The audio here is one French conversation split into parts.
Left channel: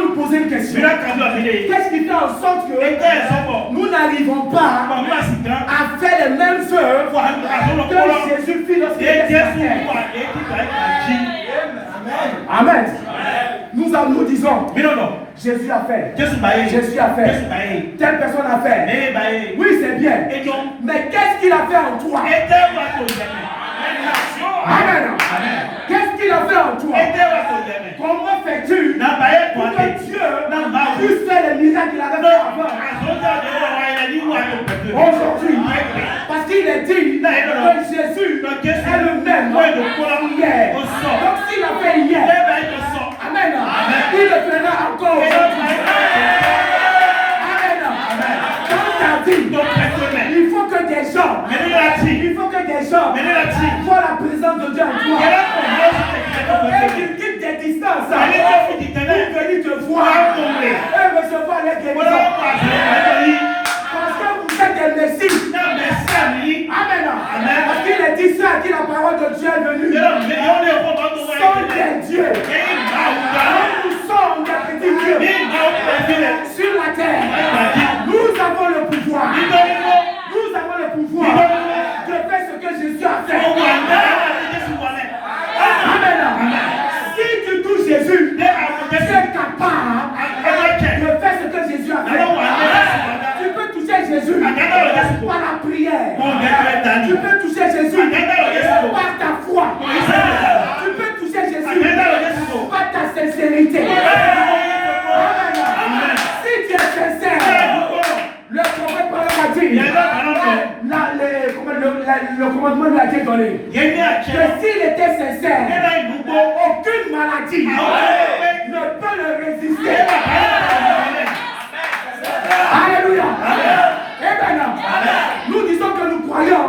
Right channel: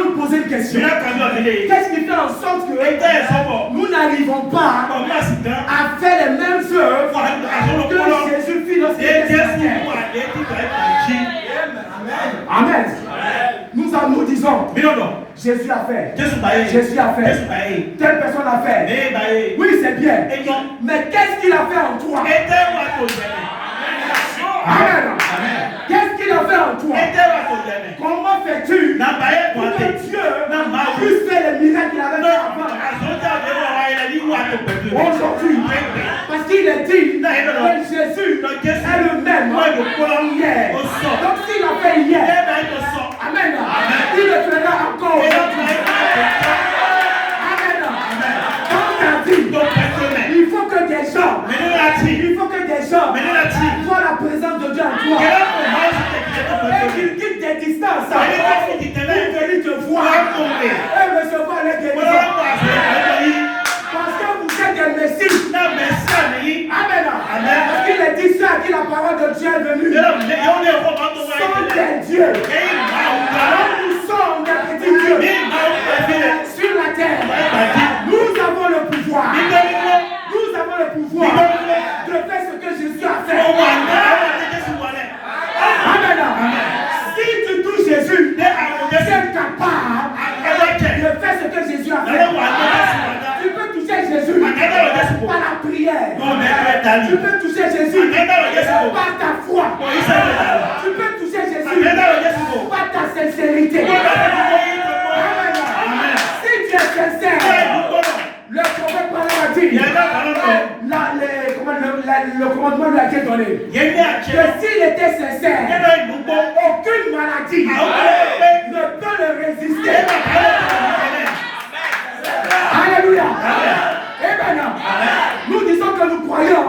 devons nous poser une question. Qu'est-ce qui fait en sorte que nous n'arrivons pas à faire les mêmes œuvres que Jésus fit lorsqu'il était sur terre? Amen. Nous disons, Jésus a fait. Jésus a fait. Telle personne a fait. Oui, c'est bien. Mais qu'est-ce qu'il a fait en toi? Amen. Qu'est-ce qu'il a fait en toi? Comment fais-tu pour que Dieu puisse faire les miracles qu'il avait fait avant? Aujourd'hui, parce qu'il est dit que Jésus est le même hier. Donc s'il a fait hier, amen, il le fera encore aujourd'hui. Amen. Dans ta vie, il faut que des gens voient la présence de Dieu en toi. Et qu'ils quittent des distances pour venir te voir et recevoir les guérisons. Parce que vous êtes des messies. Amen. Parce qu'il est dit ça, que la parole de Dieu est venue. Sont des dieux. Nous sommes des petits dieux sur la terre. Nous avons le pouvoir. Nous avons le pouvoir de faire ce que Jésus a fait. Amen. Si tu touches Jésus, tu es capable de faire ce que Jésus a fait. Tu peux toucher Jésus par la prière. Tu peux toucher Jésus par ta foi. Tu peux toucher Jésus par ta sincérité. Amen. Si tu es sincère, le prophète a dit, le commandement lui a été donné. Que s'il était sincère, aucune maladie ne peut le résister. Alléluia. Amen. Nous disons que nous croyons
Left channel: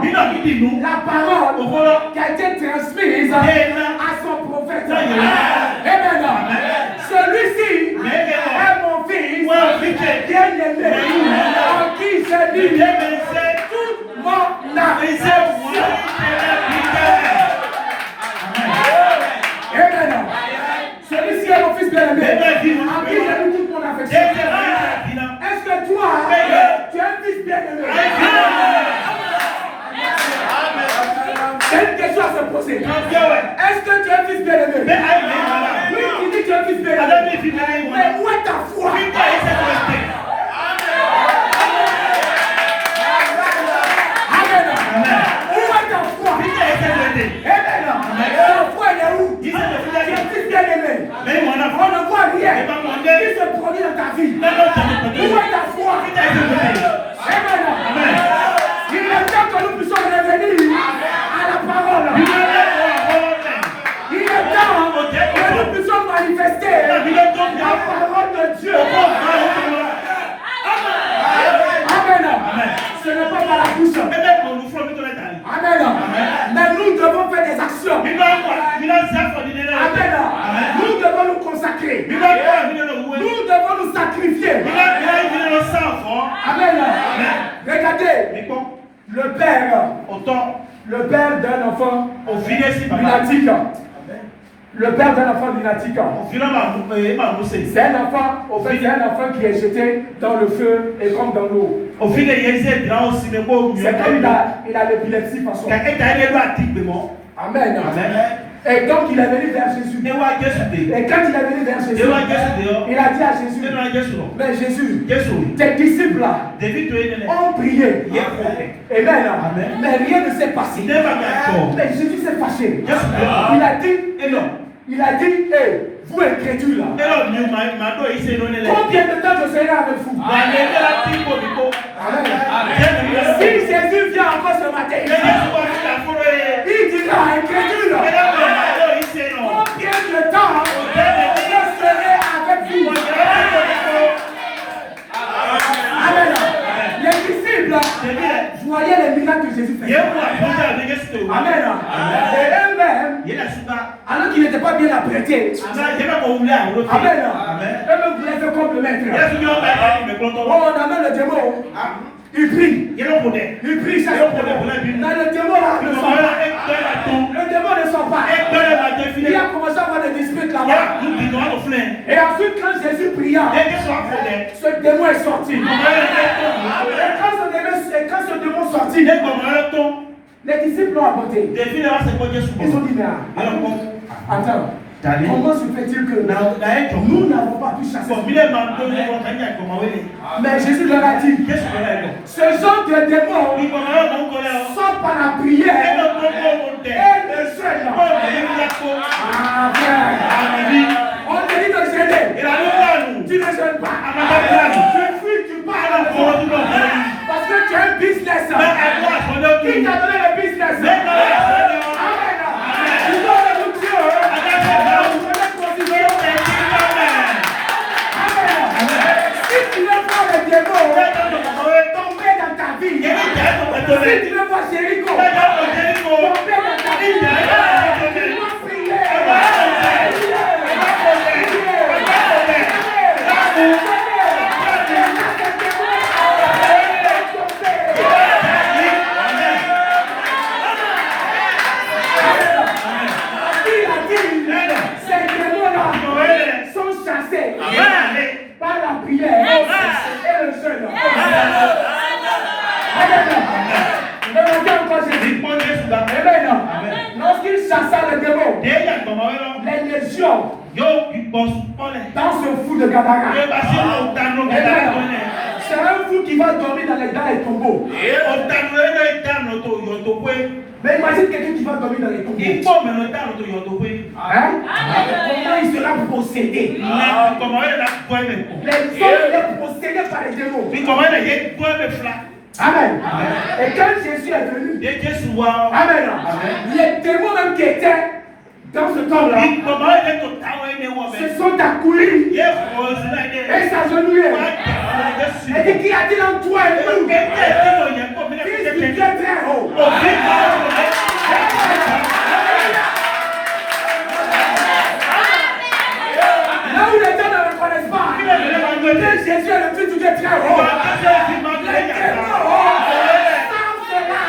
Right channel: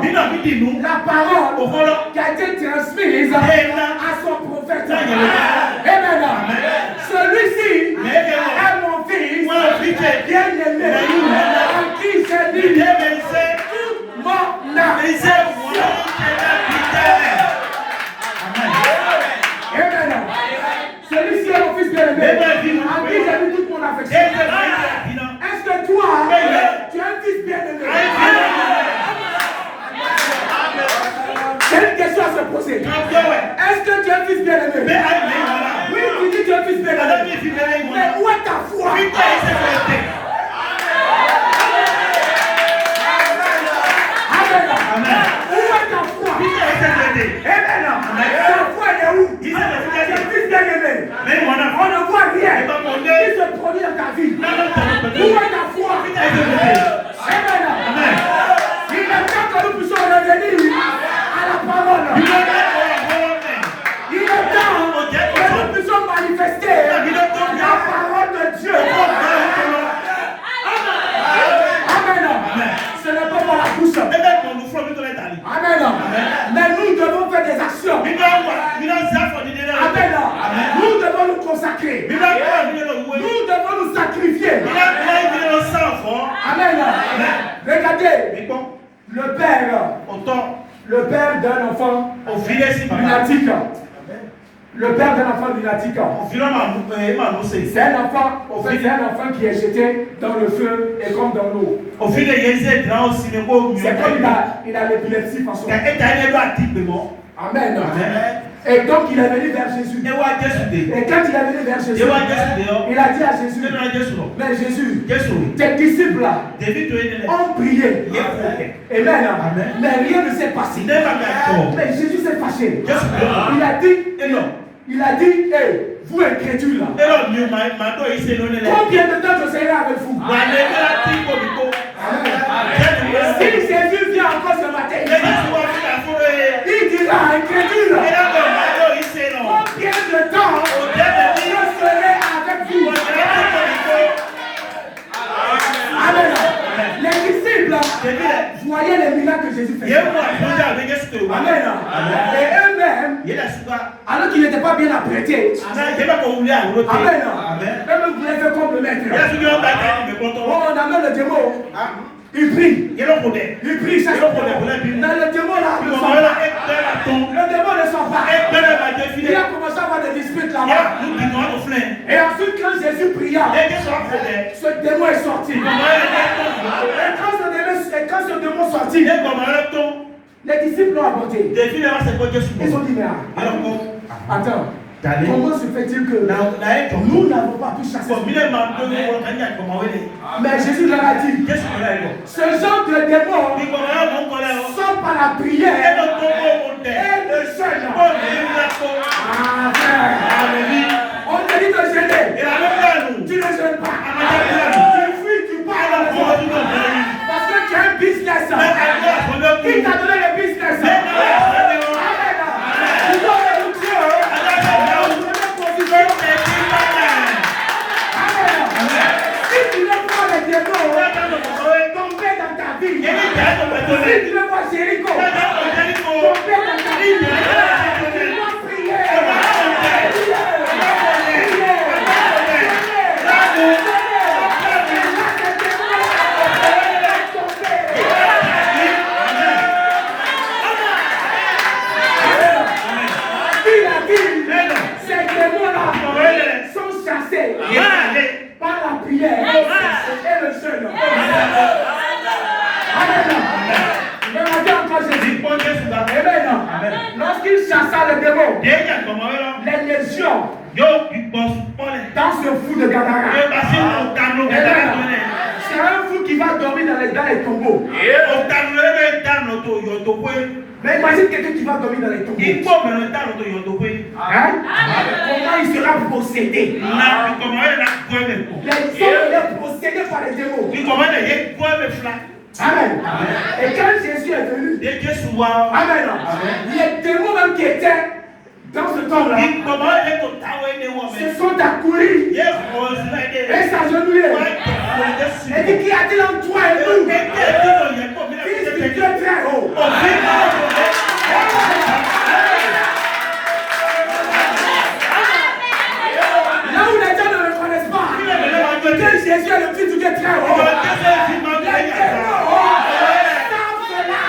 la parole qui a été transmise à son prophète. Amen. Celui-ci est mon fils bien-aimé, en qui j'ai mis toute mon affection. Amen. Celui-ci est mon fils bien-aimé, en qui j'ai mis toute mon affection. Est-ce que toi, tu es un fils bien-aimé? C'est une question à se poser. Est-ce que tu es un fils bien-aimé? Oui, tu dis que tu es un fils bien-aimé. Mais où est ta foi? Amen. Où est ta foi? Amen. Ta foi elle est où? Tu es un fils bien-aimé. On ne voit rien qui se produit dans ta vie. Où est ta foi? Amen. Il est temps que nous puissions revenir à la parole. Il est temps que nous puissions manifester la parole de Dieu. Amen. Ce n'est pas par la bouche. Amen. Mais nous devons faire des actions. Amen. Nous devons nous consacrer. Nous devons nous sacrifier. Amen. Regardez. Le père d'un enfant lunatique. Le père d'un enfant lunatique. C'est un enfant qui est jeté dans le feu et comme dans l'eau. C'est comme il a l'épilepsie par son. Amen. Et donc il est venu vers Jésus. Et quand il est venu vers Jésus, il a dit à Jésus, mais Jésus, tes disciples là ont prié. Amen. Mais rien ne s'est passé. Mais Jésus s'est fâché. Il a dit, hey, vous incrédules là. Combien de temps je serai avec vous? Si Jésus vient encore ce matin, il dira incrédule. Combien de temps je serai avec vous? Amen. Les disciples voyaient les miracles que Jésus faisait. Amen. Et eux-mêmes, alors qu'ils n'étaient pas bien apprêtés, amen. Eux-mêmes voulaient faire comme le maître. Oh, on amène le démon. Il prie. Il prie chaque jour. Mais le démon là ne sort pas. Le démon ne sort pas. Il a commencé à avoir des disputes là-bas. Et ensuite, quand Jésus pria, ce démon est sorti. Et quand ce démon est sorti, les disciples l'ont apporté. Ils ont dit, mais attends. Comment se fait-il que nous n'avons pas pu chasser? Mais Jésus leur a dit, ce genre de démon sort par la prière et le jeûne. On te dit de jeûner. Tu ne jeûnes pas. Tu fuis, tu parles. Parce que tu as un business. Qui t'a donné le business? Tomber dans ta vie. Si tu veux voir Jéricho, tomber dans ta vie. Tu dois prier. Ces démons-là sont chassés par la prière et le jeûne. Lorsqu'il chassa le démon, les légions dans ce fou de Gadara, c'est un fou qui va dormir dans les tombeaux. Mais imagine quelqu'un qui va dormir dans les tombeaux. Hein? Comment il sera possédé? Les hommes sont possédés par les démons. Amen. Et quand Jésus est venu, amen, les démons même qui étaient dans ce temps-là se sont accourus et s'agenouillés. Et dit, qu'y a-t-il en toi et nous? Christ qui est très haut. Là où les gens ne le connaissent pas, que Jésus est le Fils du Dieu très haut. Les démons savent cela.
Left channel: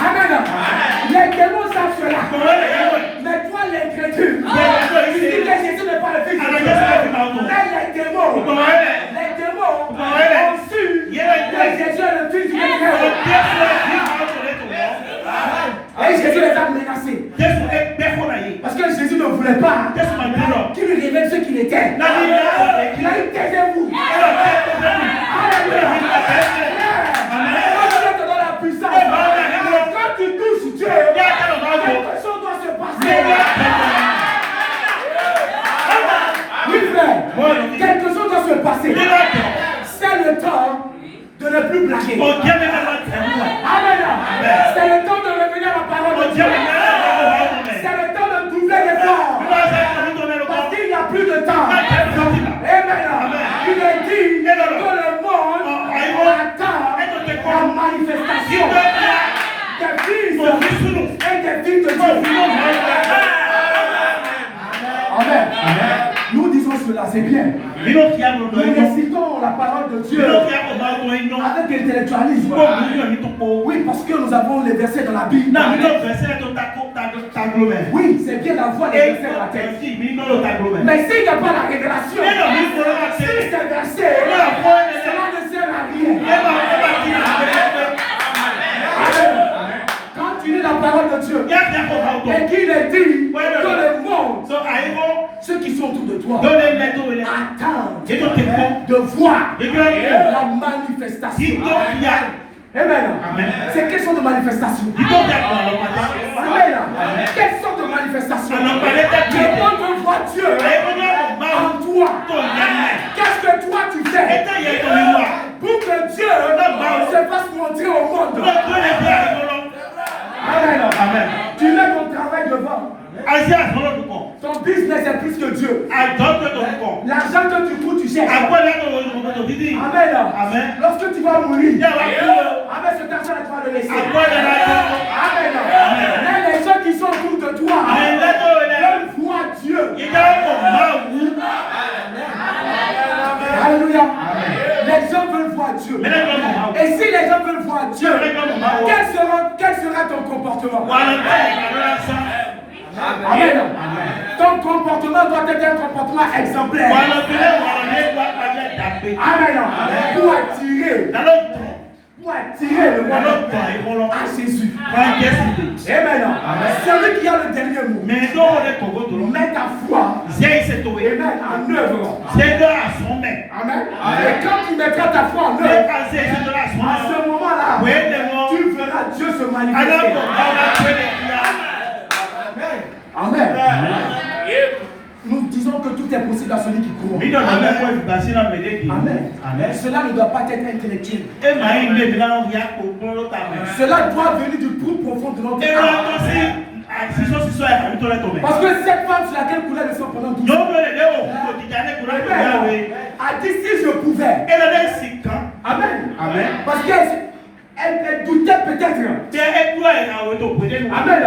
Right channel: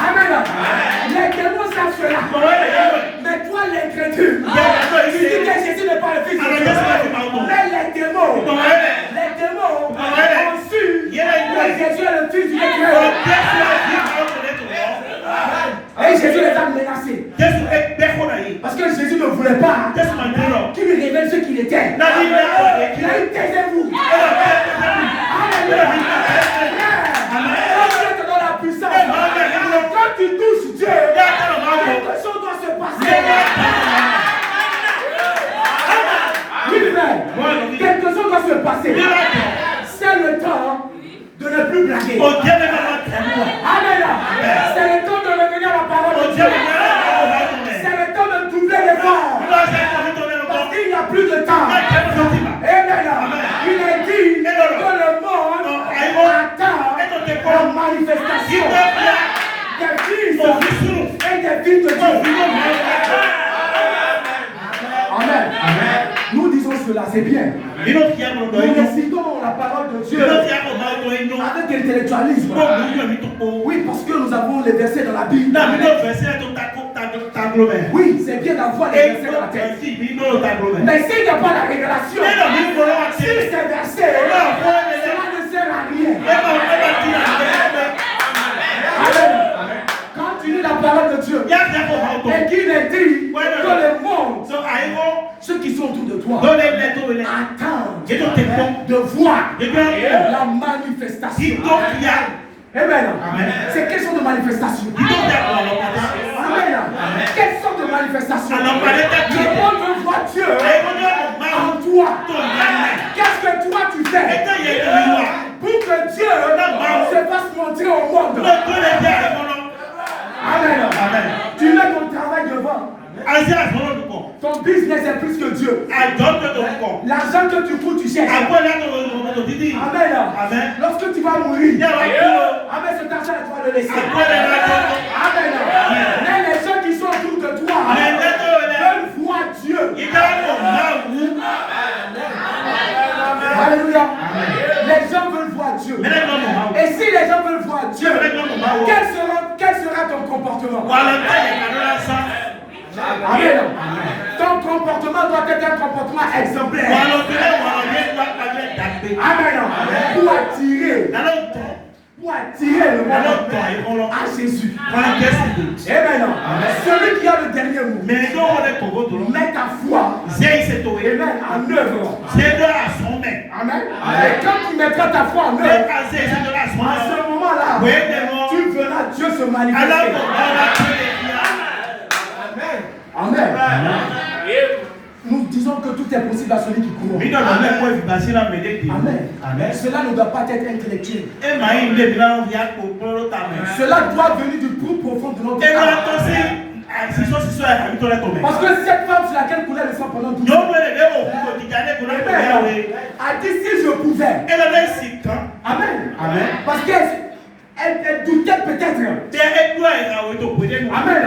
Amen. Les démons savent cela. Mais toi, l'incrédule, tu dis que Jésus n'est pas le Fils de Dieu. Mais les démons ont su que Jésus est le Fils du Dieu très haut. Et Jésus les a menacés. Parce que Jésus ne voulait pas qu'il lui révèle ce qu'il était. Il a dit, taisez-vous. Alléluia. Dieu te donne la puissance. Quand tu touches Dieu, quelque chose doit se passer. Oui, frère. Quelque chose doit se passer. C'est le temps de ne plus blaguer. Amen. C'est le temps de revenir à la parole de Dieu. C'est le temps de doubler l'effort. Parce qu'il n'y a plus de temps. Amen. Il est dit que le monde attend la manifestation des fils et des filles de Dieu. Amen. Nous disons cela, c'est bien. Nous récitons la parole de Dieu avec intellectualisme. Oui, parce que nous avons les versets dans la Bible. Oui, c'est bien d'avoir les versets dans la tête. Mais s'il n'y a pas la révélation, si ces versets, cela ne sert à rien. Quand tu lis la parole de Dieu, et qu'il est dit que le monde, ceux qui sont autour de toi, attendent de voir la manifestation. Amen. C'est quelle sorte de manifestation? Amen. Quelle sorte de manifestation? Le monde veut voir Dieu en toi. Qu'est-ce que toi tu fais pour que Dieu se fasse montrer au monde? Amen. Tu mets ton travail devant. Ton business est plus que Dieu. L'argent que tu fous, tu cherches. Amen. Lorsque tu vas mourir, amen, cet argent, tu vas le laisser. Amen. Mais les gens qui sont autour de toi veulent voir Dieu. Alléluia. Les gens veulent voir Dieu. Et si les gens veulent voir Dieu, quel sera ton comportement? Amen. Ton comportement doit être un comportement exemplaire. Amen. Pour attirer le monde à Jésus. Amen. Celui qui a le dernier mot, met ta foi en œuvre. Amen. Et quand tu mettras ta foi en œuvre, à ce moment-là, tu verras Dieu se manifester. Amen. Nous disons que tout est possible à celui qui croit. Amen. Cela ne doit pas être intellectuel. Cela doit venir du plus profond de notre âme. Parce que cette femme sur laquelle coulait le sang pendant 12 ans a dit si je pouvais. Amen. Parce qu'elle doutait peut-être. Amen.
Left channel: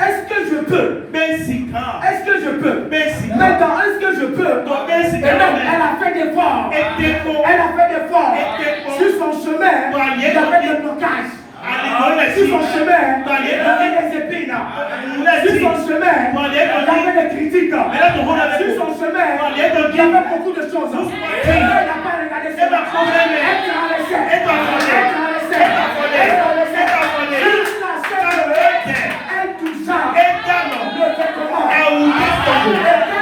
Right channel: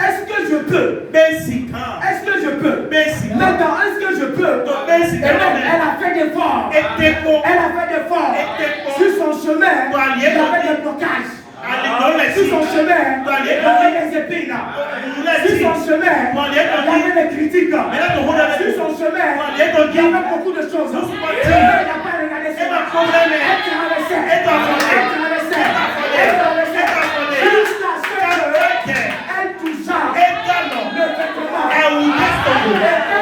Est-ce que je peux? Est-ce que je peux? Maintenant, est-ce que je peux? Et non, elle a fait des efforts. Sur son chemin, il y avait des blocages. Sur son chemin, il y avait des épines. Sur son chemin, il y avait des critiques. Sur son chemin, il y avait beaucoup de choses. Elle n'a pas regardé ça. Elle t'a laissé. Elle toucha le vêtement. Et quand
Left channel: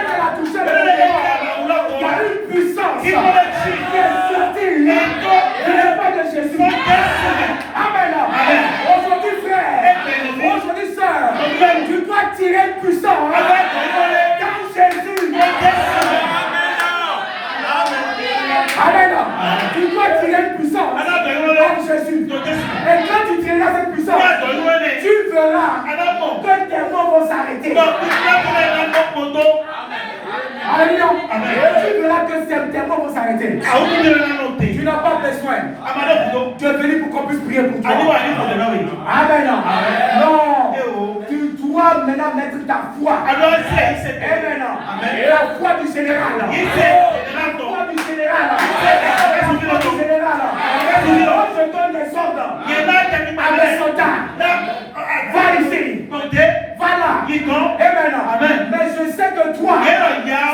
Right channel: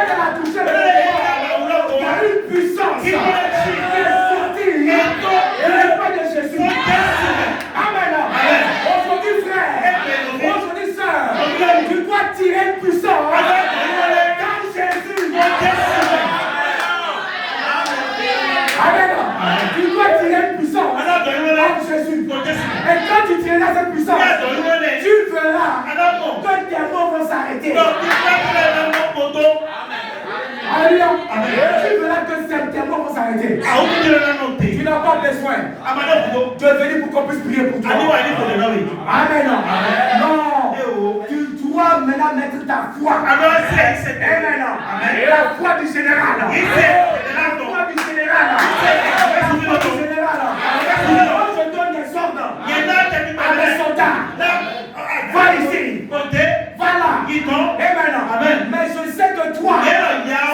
elle a touché le vêtement, il y a une puissance qui est sortie de l'esprit de Jésus. Amen. Aujourd'hui, frère, aujourd'hui, sœur, tu dois tirer une puissance dans Jésus. Amen. Tu dois tirer une puissance en Jésus. Et quand tu tireras cette puissance, tu verras que tes mots vont s'arrêter. Alléluia. Tu verras que tes mots vont s'arrêter. Tu n'as pas besoin de venir pour qu'on puisse prier pour toi. Amen. Non. Tu dois maintenant mettre ta foi. Amen. La foi du général. La foi du général. Alors, je donne des ordres à mes soldats. Va ici. Va là. Amen. Mais je sais que toi,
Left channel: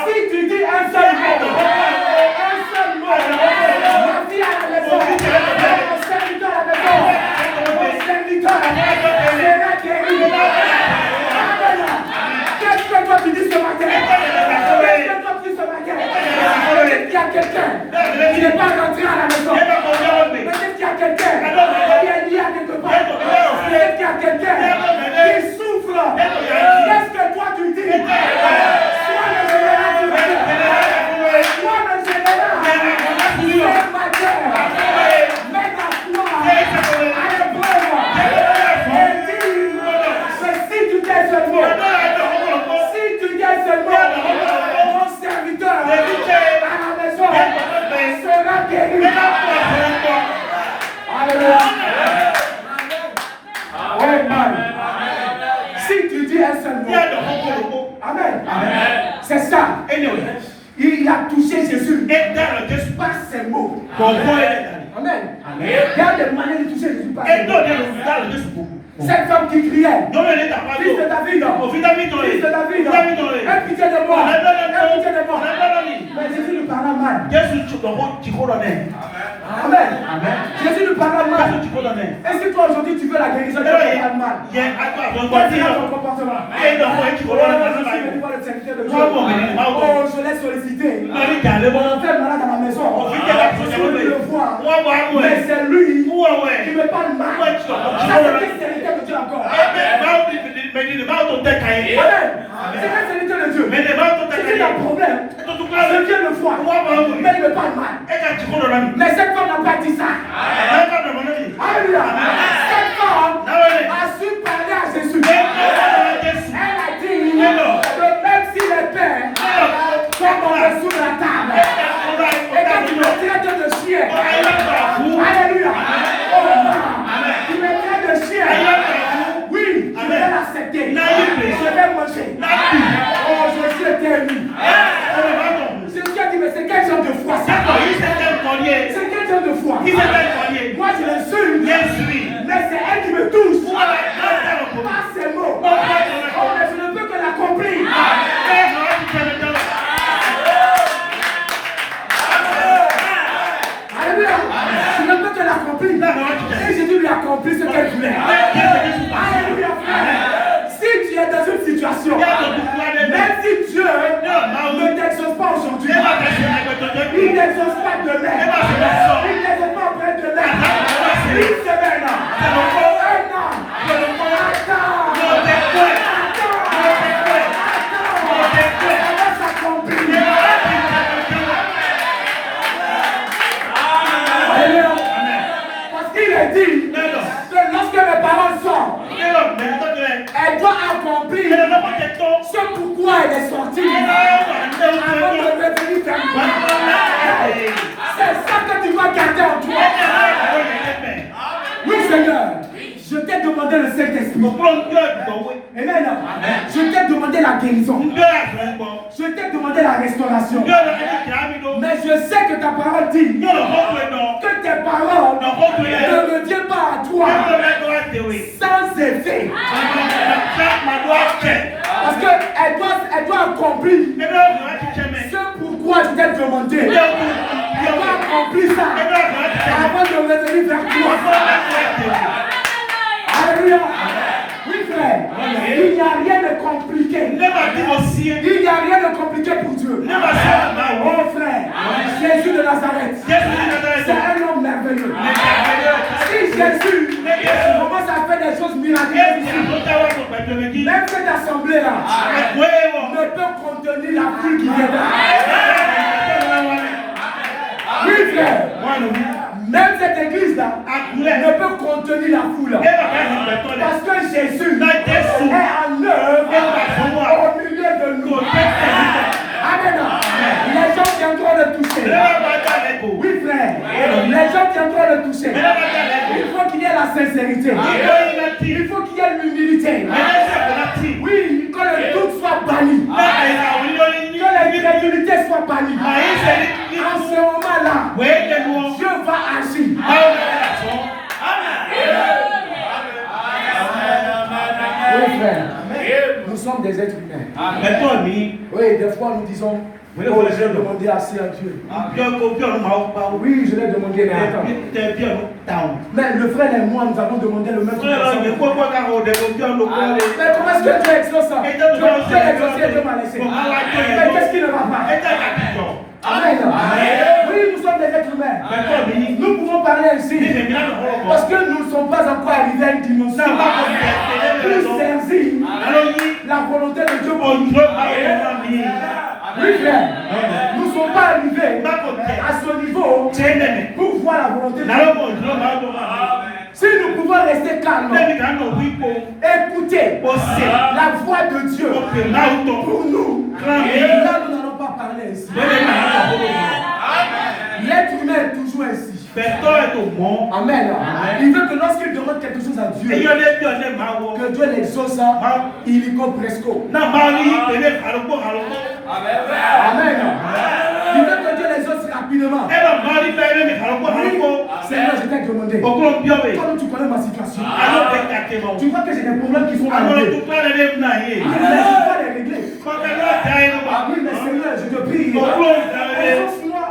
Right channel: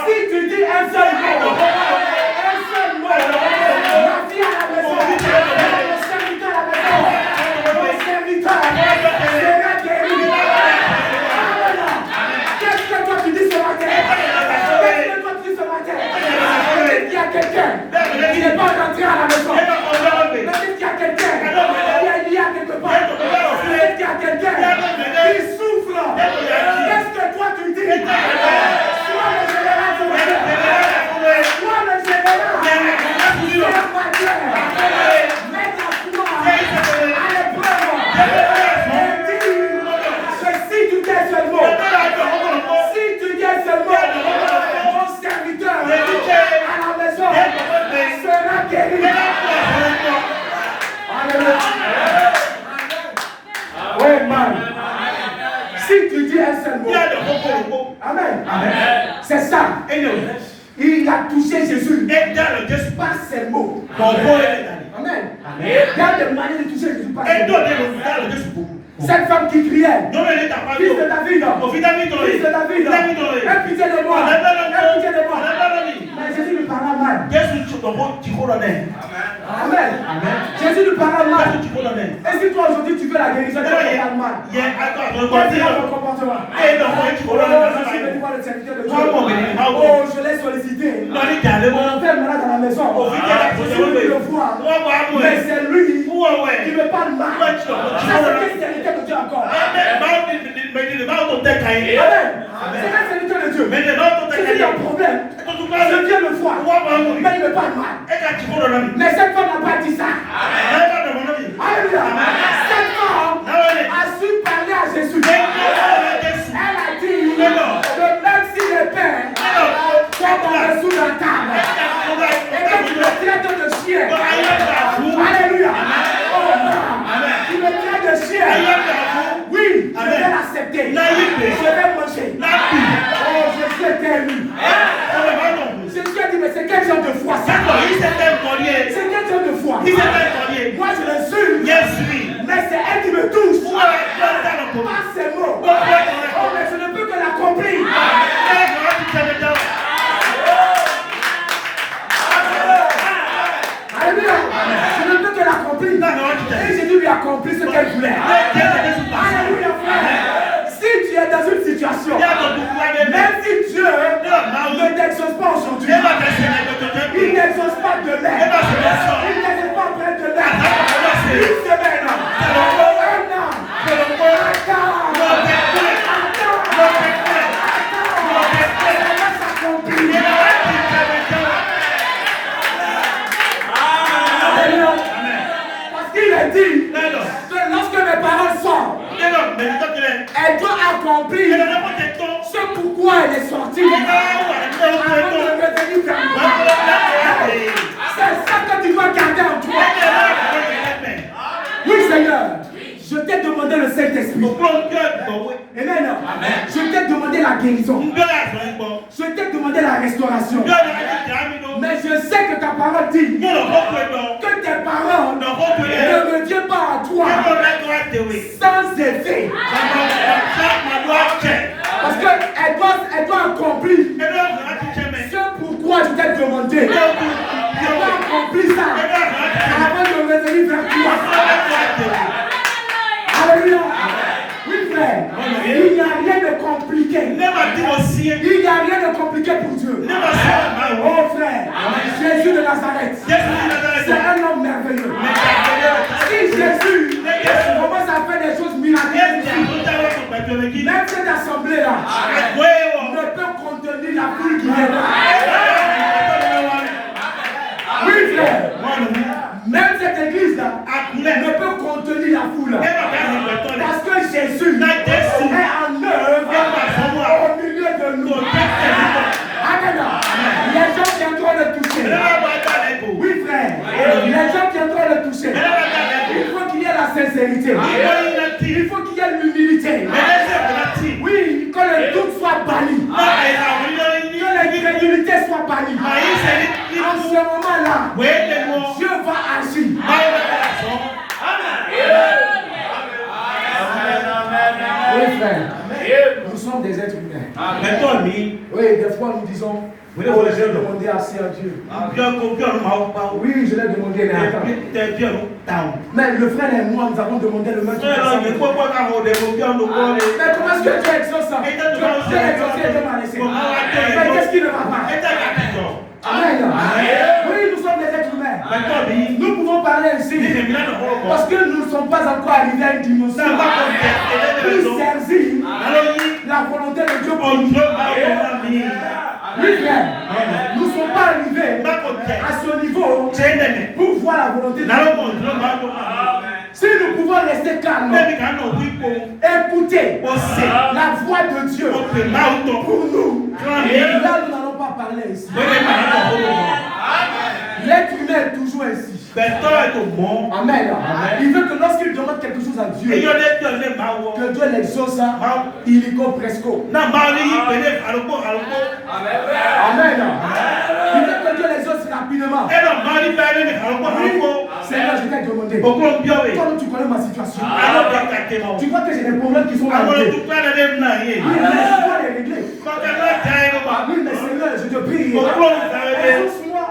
si tu dis un seul mot, ma fille à la maison, mon serviteur à la maison, mon serviteur sera guéri. Amen. Qu'est-ce que toi tu dis ce matin? Peut-être qu'il y a quelqu'un qui n'est pas rentré à la maison. Peut-être qu'il y a quelqu'un qui est lié à quelque part. Peut-être qu'il y a quelqu'un qui souffle. Qu'est-ce que toi tu dis? Sois le général du roi. Sois le général. C'est ma terre. Mets ta foi à l'épreuve. Et dis que si tu dis un seul mot, mon serviteur à la maison sera guéri. Alléluia. Oui, man. Si tu dis un seul mot, amen. C'est ça. Il a touché Jésus par ses mots. Amen. Il y a des manières de toucher Jésus par ses mots. Cette femme qui criait, fils de David, aie pitié de moi, Mais Jésus lui parla mal. Amen. Jésus lui parla mal. Et si toi aujourd'hui tu veux la guérison, tu parles mal. Quel est ton comportement? Je suis venu voir le serviteur de Dieu. Oh, je l'ai sollicité. Mon frère est malade dans la maison. Je suis venu le voir. Mais c'est lui qui me parle mal. Ça, c'est quel serviteur de Dieu encore? Amen. C'est quel serviteur de Dieu? C'est un problème. Je viens le voir. Mais il me parle mal. Mais cette femme n'a pas dit ça. Alléluia. Cette femme a su parler à Jésus. Elle a dit que même si les pères sont sous la table et que tu me traites de chien. Alléluia. Tu me traites de chien. Oui, je vais l'accepter. Je vais manger. Oh, je suis éternu. C'est ce qu'il a dit, mais c'est quel genre de foi ça? C'est quel genre de foi? Moi je le suis. Mais c'est elle qui me touche. Pas Elle doit accomplir ce pourquoi elle est sortie. Avant de revenir vers toi. C'est ça que tu dois garder en toi. Oui, Seigneur. Je t'ai demandé le Saint-Esprit. Et maintenant, je t'ai demandé la guérison. Je t'ai demandé la restauration. Mais je sais que ta parole dit que tes paroles ne reviennent pas à toi sans effet. Parce qu'elle doit accomplir ce pourquoi je t'ai demandé. Elle doit accomplir ça avant de revenir vers toi. Alléluia. Oui, frère. Il n'y a rien de compliqué. Il n'y a rien de compliqué pour Dieu. Oh, frère. Jésus de Nazareth. C'est un homme merveilleux. Si Jésus commence à faire des choses miraculeuses ici, même cette assemblée-là ne peut contenir la pluie qui viendra. Oui, frère. Même cette église-là ne peut contenir la foule. Parce que Jésus est en œuvre au milieu de nous. Amen. Les gens viendront le toucher. Oui, frère. Les gens viendront le toucher. Il faut qu'il y ait la sincérité. Il faut qu'il y ait l'humilité. Oui, que le doute soit banni. Que l'incrédulité soit bannie. En ce moment-là, Dieu va agir. Oui, frère. Nous sommes des êtres humains. Oui, des fois nous disons, oh, je vais demander assez à Dieu. Oui, je l'ai demandé. Mais le frère et moi, nous avons demandé le même truc. Mais comment est-ce que Dieu exauce ça? Dieu exauce et Dieu m'a laissé. Mais qu'est-ce qui ne va pas? Amen. Oui, nous sommes des êtres humains. Nous pouvons parler ainsi parce que nous ne sommes pas encore arrivés à une dimension pour servir la volonté de Dieu pour nous. Oui, frère. Nous ne sommes pas arrivés à ce niveau pour voir la volonté de Dieu. Si nous pouvons rester calmes, écouter la voix de Dieu pour nous, là nous n'allons pas parler ici. L'être humain est toujours ainsi. Amen. Il veut que lorsqu'il demande quelque chose à Dieu, que Dieu l'exauce, il y go presco. Amen. Il veut que Dieu l'exauce rapidement. Seigneur, je t'ai demandé. Toi, tu connais ma situation. Tu vois que j'ai des problèmes qui sont arrivés. Il faut les régler. Oui, mais Seigneur, je te prie. Exauce-moi.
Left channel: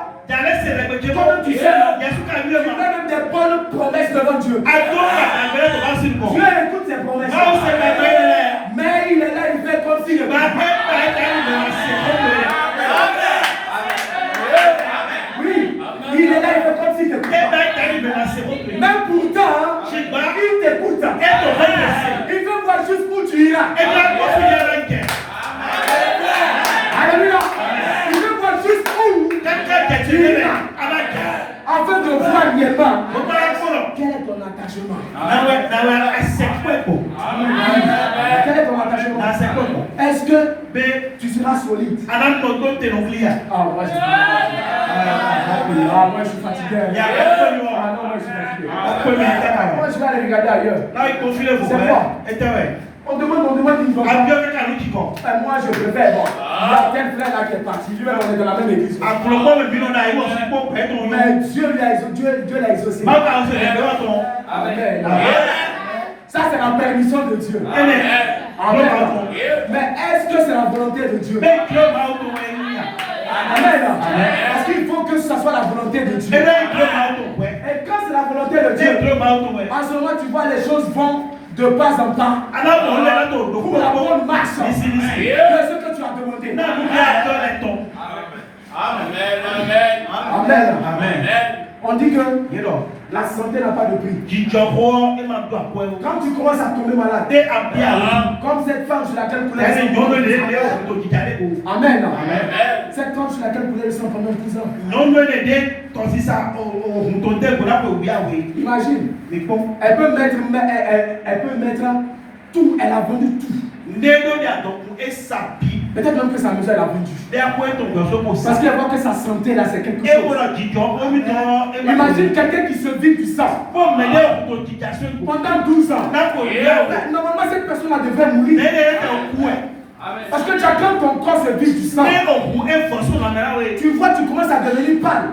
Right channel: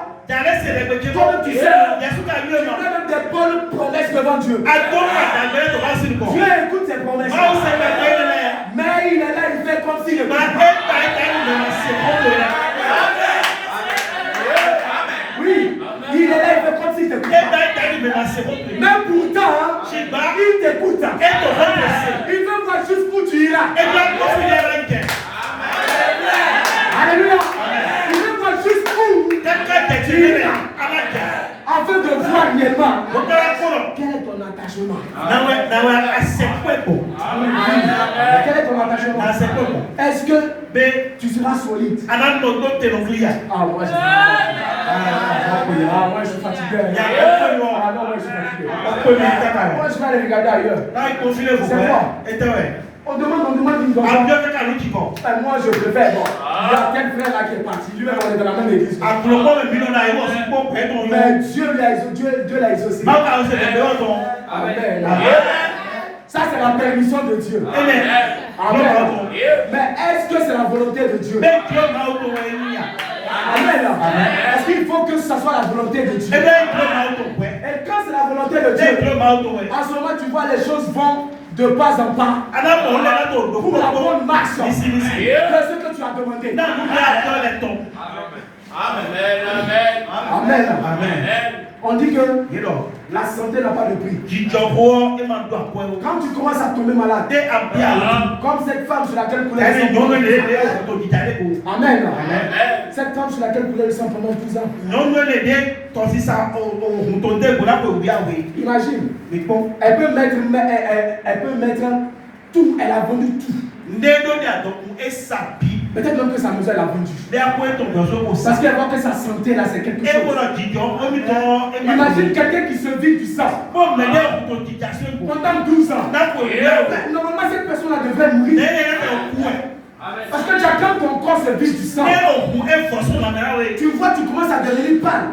Toi, tu sais, tu fais même des bonnes promesses devant Dieu. Dieu écoute ses promesses. Mais il est là, il fait comme s'il ne veut pas. Oui, il est là, il fait comme s'il te plaît. Même pourtant, il t'écoute. Il veut voir juste où tu iras. Alléluia. Il veut voir juste où tu iras. Afin de voir réellement quel est ton attachement. Quel est ton attachement? Est-ce que tu seras solide? Ah, moi je suis fatigué. Ah non, moi je suis fatigué. Moi je vais aller regarder ailleurs. C'est quoi? On demande une chose. Moi je préfère. Bon, il y a tel frère là qui est parti. Lui-même on est dans la même église. Mais Dieu l'a exaucé. Amen. Ça c'est la permission de Dieu. Amen. Mais est-ce que c'est la volonté de Dieu? Amen. Parce qu'il faut que ça soit la volonté de Dieu. Et quand c'est la volonté de Dieu, en ce moment tu vois les choses vont de pas en pas pour la bonne marche de ce que tu as demandé. Amen. On dit que la santé n'a pas de prix. Quand tu commences à tomber malade, comme cette femme sur laquelle coulait le sang. Amen. Cette femme sur laquelle coulait le sang pendant 12 ans. Imagine. Elle peut mettre Tout, elle a vendu tout. Peut-être même que sa maison elle a vendu. Parce qu'elle voit que sa santé là c'est quelque chose. Imagine quelqu'un qui se vide du sang. Pendant 12 ans. Normalement cette personne là devrait mourir. Parce que quand ton corps se vide du sang, tu vois, tu commences à devenir pâle.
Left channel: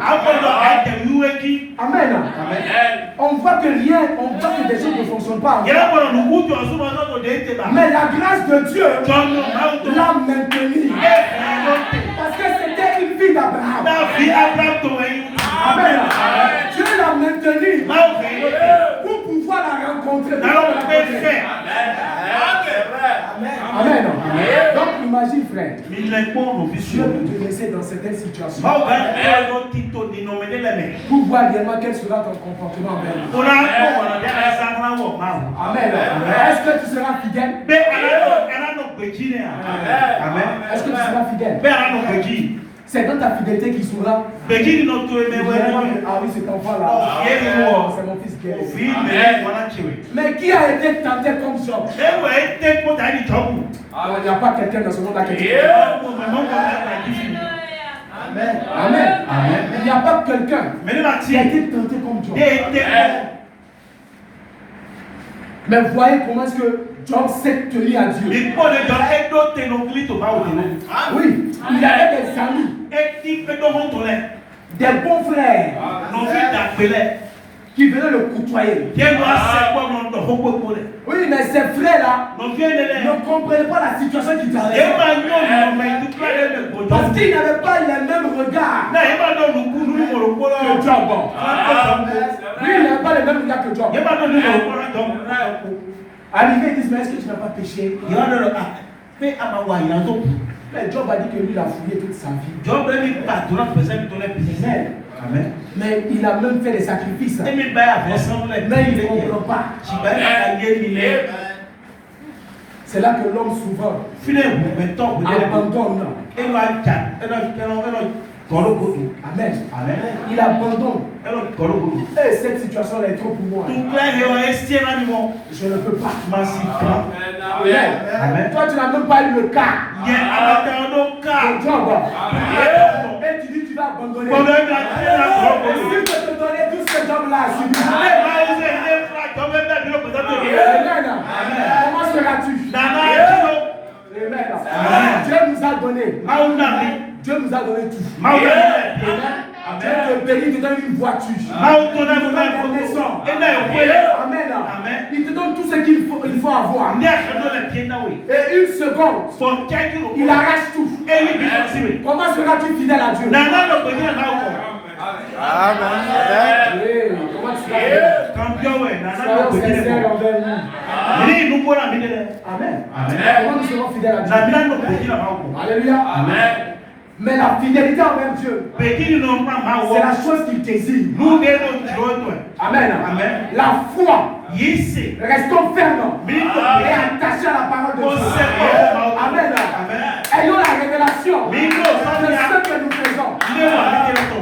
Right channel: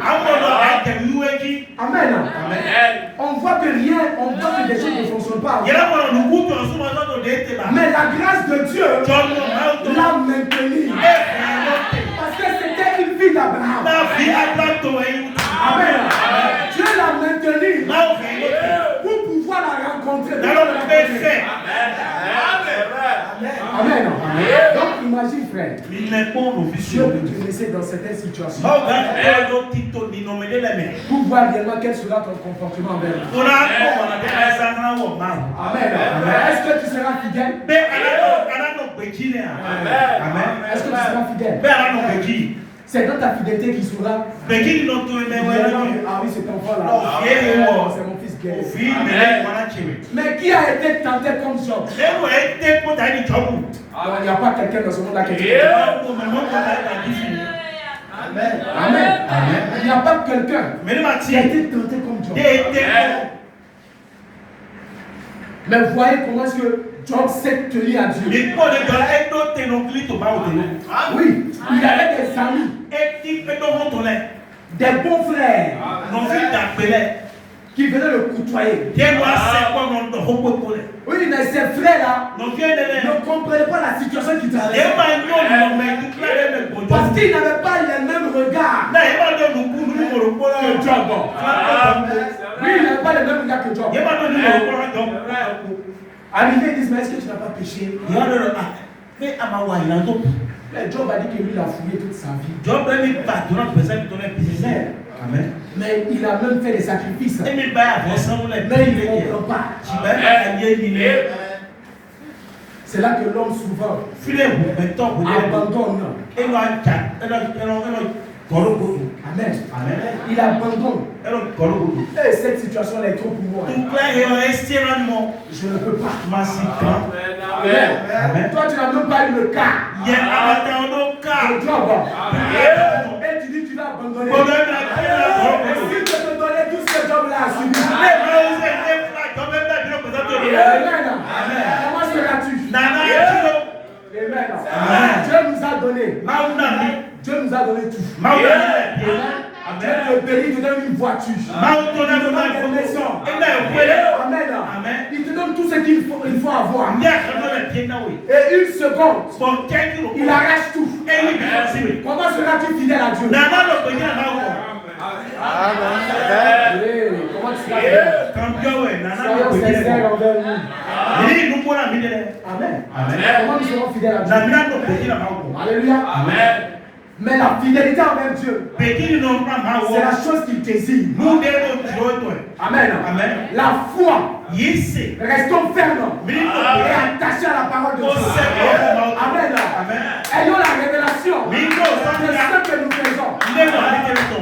Amen. On voit que rien, on voit que des choses ne fonctionnent pas. Mais la grâce de Dieu l'a maintenu. Parce que c'était une vie d'Abraham. Amen. Dieu l'a maintenu pour pouvoir la rencontrer. Amen. Donc imagine frère, Dieu peut te laisser dans certaines situations pour voir réellement quel sera ton comportement envers lui. Amen. Est-ce que tu seras fidèle? Amen. Est-ce que tu seras fidèle? C'est dans ta fidélité qui saura. Ah oui, cet enfant-là. C'est mon fils Guerre. Mais qui a été tenté comme Job? Il n'y a pas quelqu'un dans ce monde-là qui a été tenté. Amen. Il n'y a pas quelqu'un qui a été tenté comme Job. Mais voyez comment est-ce que Job s'est tenu à Dieu. Oui, il avait des amis, des bons frères qui venaient le côtoyer. Oui, mais ces frères-là ne comprenaient pas la situation qui traversait. Parce qu'ils n'avaient pas les mêmes regards que Job. Oui, il n'avait pas les mêmes regards que Job. Arrivé, ils disent, mais est-ce que tu n'as pas péché? Mais Job a dit que lui, il a fouillé toute sa vie. Mais il a même fait des sacrifices. Mais il ne comprend pas. C'est là que l'homme souvent abandonne. Amen. Il abandonne. Et cette situation est trop pour moi. Je ne peux pas. Amen. Toi, tu n'as même pas eu le cas. Et tu dis tu vas abandonner. Est-ce que tu te donner tout ce job-là à subir? Comment seras-tu? Dieu nous a donné. Dieu nous a donné tout. Dieu te bénit, il te donne une voiture. Il te donne une maison. Amen. Il te donne tout ce qu'il faut avoir. Et une seconde, il arrache tout. Comment seras-tu fidèle à Dieu? Comment tu seras fidèle? Soyons sincères envers nous. Amen. Comment nous serons fidèles à Dieu? Alléluia. Mais la fidélité envers Dieu, c'est la chose qu'il désire. Amen. La foi, restons fermes et attachés à la parole de Dieu. Amen. Ayons la révélation de ce que nous faisons.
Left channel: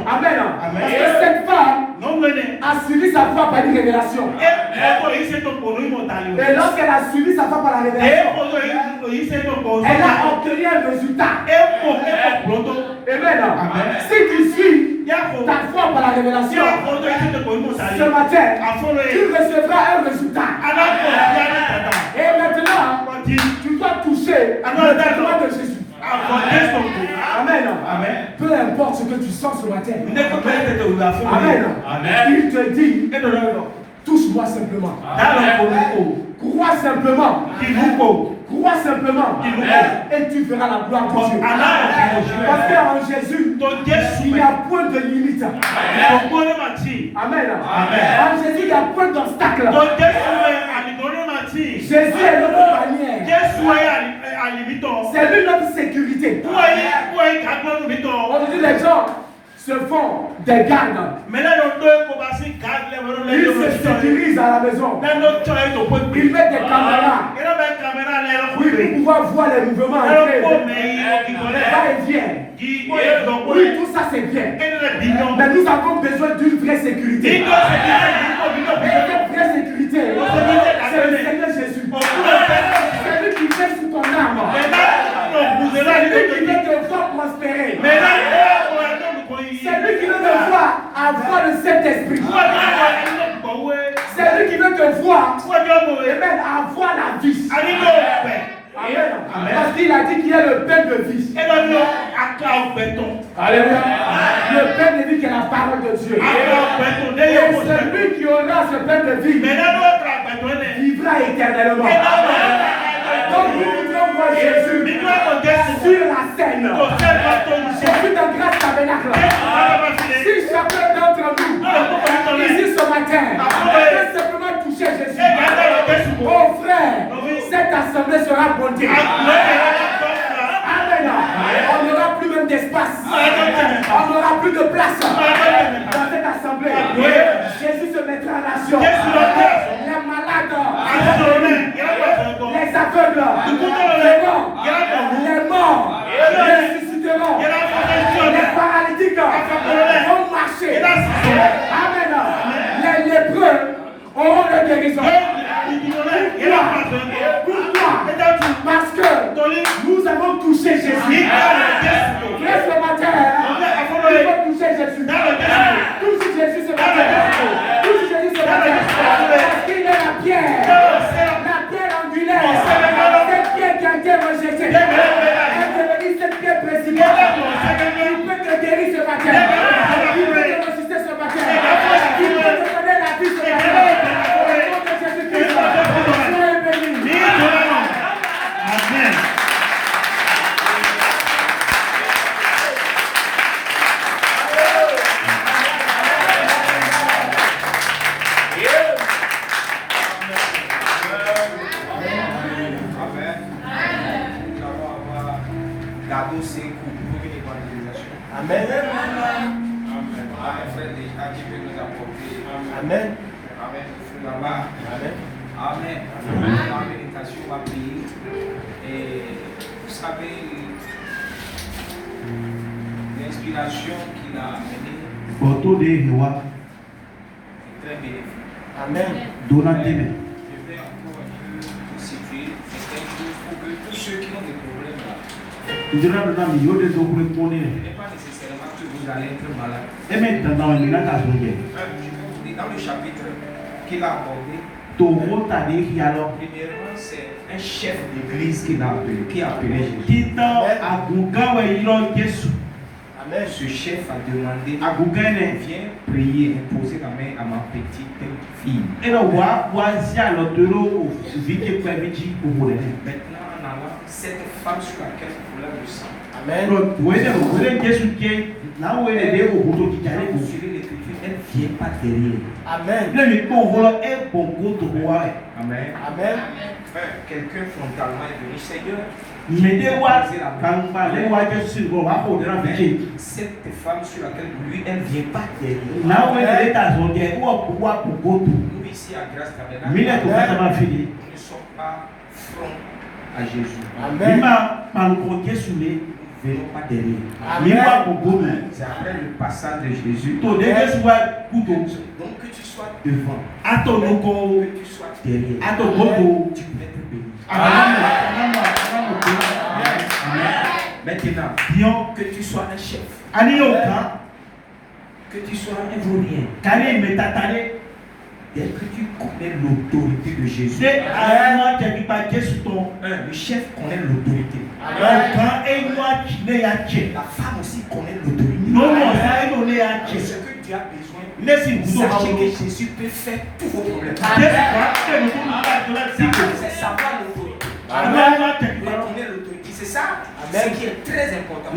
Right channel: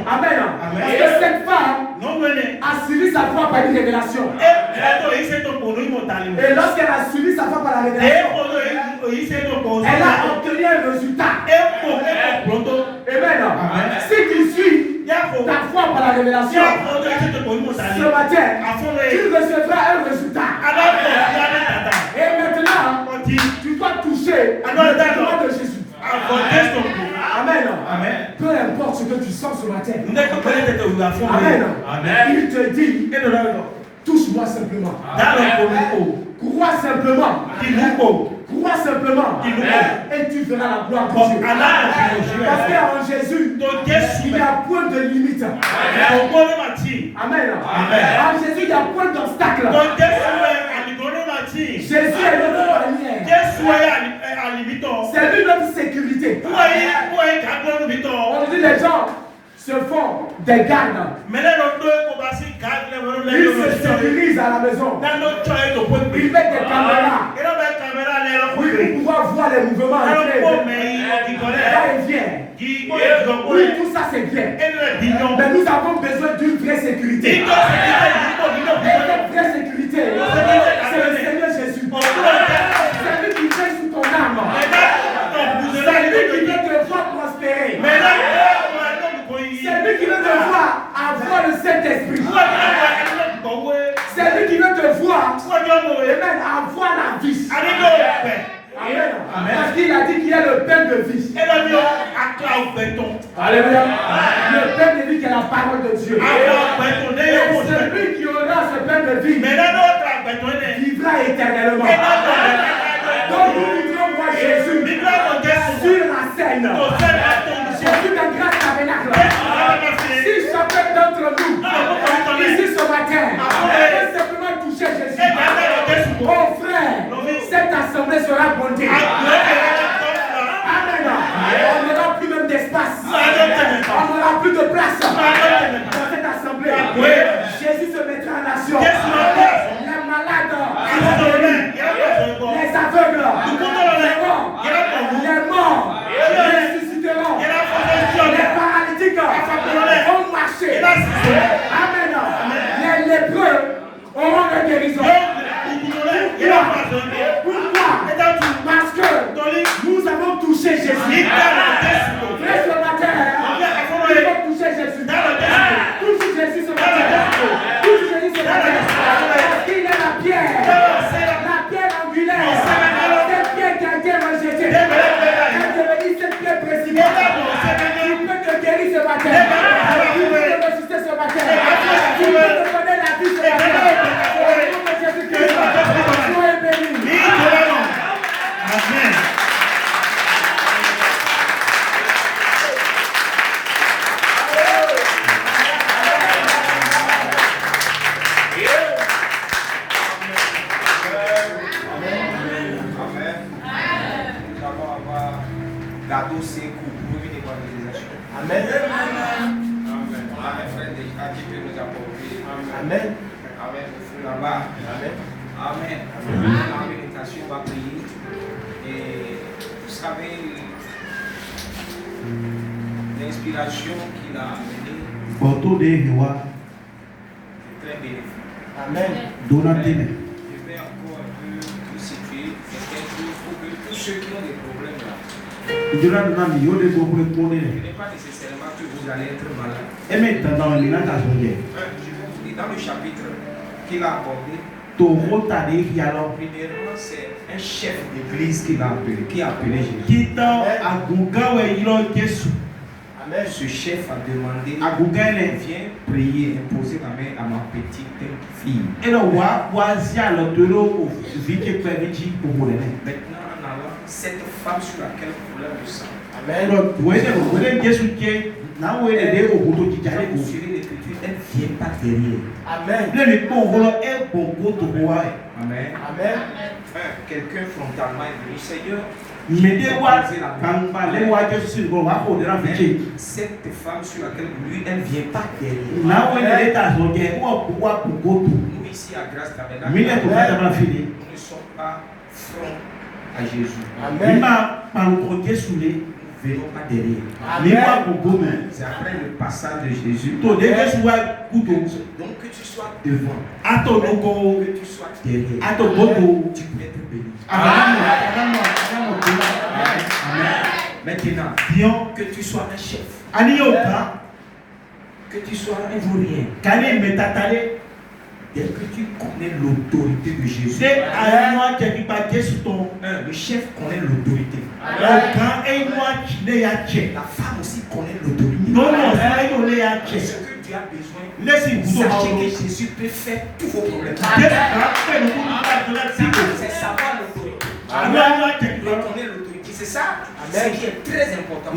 Amen. Parce que cette femme a suivi sa foi par une révélation. Et lorsqu'elle a suivi sa foi par la révélation, elle a obtenu un résultat. Amen. Si tu suis ta foi par la révélation, ce matin, tu recevras un résultat. Et maintenant, tu dois toucher le doigt de Jésus. Amen. Peu importe ce que tu sens ce matin. Amen. Il te dit, touche-moi simplement. Crois simplement. Crois simplement. Et tu verras la gloire de Dieu. Parce qu'en Jésus, il n'y a point de limite. Amen. En Jésus, il n'y a point d'obstacle. Jésus est notre bannière. C'est lui notre sécurité. On dit les gens se font des gardes. Ils se sécurisent à la maison. Ils mettent des caméras. Oui, pour pouvoir voir les mouvements. Va et vient. Oui, tout ça c'est bien. Mais nous avons besoin d'une vraie sécurité. Et cette vraie sécurité, c'est le Seigneur Jésus. avoir le Saint-Esprit. C'est lui qui veut te voir et même avoir la vie. Amen. Parce qu'il a dit qu'il y a le pain de vie. Alléluia. Le pain de vie qui est la parole de Dieu. Et celui qui aura ce pain de vie vivra éternellement. Donc nous voulons voir Jésus sur la scène. Jésus de grâce tabernacle. Si chacun d'entre nous, ici ce matin, peut simplement toucher Jésus, mon frère, cette assemblée sera bondée. Amen. On n'aura plus même d'espace. On n'aura plus de place dans cette assemblée. Jésus se mettra en action. Les malades, les aveugles, les morts, ressusciteront. Les paralytiques vont marcher. Amen. Les lépreux auront la guérison. Pourquoi? Parce que nous avons touché Jésus. Ce matin, nous avons touché Jésus. Touche Jésus ce matin. Touche Jésus ce matin. Parce qu'il est la pierre angulaire. Cette pierre qui a été rejetée. Elle est devenue cette pierre principale. Il peut te guérir ce matin. Il peut te ressusciter ce matin. Il peut te donner la vie ce matin. Amen. Gado seco pour une évangélisation. Amen. On a un frère déjà qui peut nous apporter. Amen. Amen. Le feu là-bas. Amen. Amen. La méditation va prier. Et vous savez, l'inspiration qu'il a amenée est très bénéfique. Amen. Je vais encore un peu vous situer. Mais il faut que tous ceux qui ont des problèmes là, ce n'est pas nécessairement que vous allez être malade. Dans le chapitre qu'il a abordé, premièrement, c'est un chef d'église qui a appelé Jésus. Ce chef a demandé, viens prier, imposer la main à ma petite fille. Maintenant, en allant, cette femme sur laquelle vous voulez le sang. Amen. Elle ne vient pas derrière. Amen. Amen. Amen. Quelqu'un frontalement est venu, Seigneur. Cette femme sur laquelle lui, elle ne vient pas derrière. Nous ici à Grâce Tabernacle, nous ne sommes pas front à Jésus. Amen. Nous ne venons pas derrière. Amen. C'est après le passage de Jésus. Donc que tu sois devant. Que tu sois derrière. Tu peux être béni. Amen. Maintenant, que tu sois un chef. Que tu sois un vaurien. Dès que tu connais l'autorité de Jésus, le chef connaît l'autorité. La femme aussi connaît l'autorité. Ce que tu as besoin, sachez que Jésus peut faire tous vos problèmes. C'est savoir l'autorité. Connaître l'autorité, c'est ça ce qui est très important.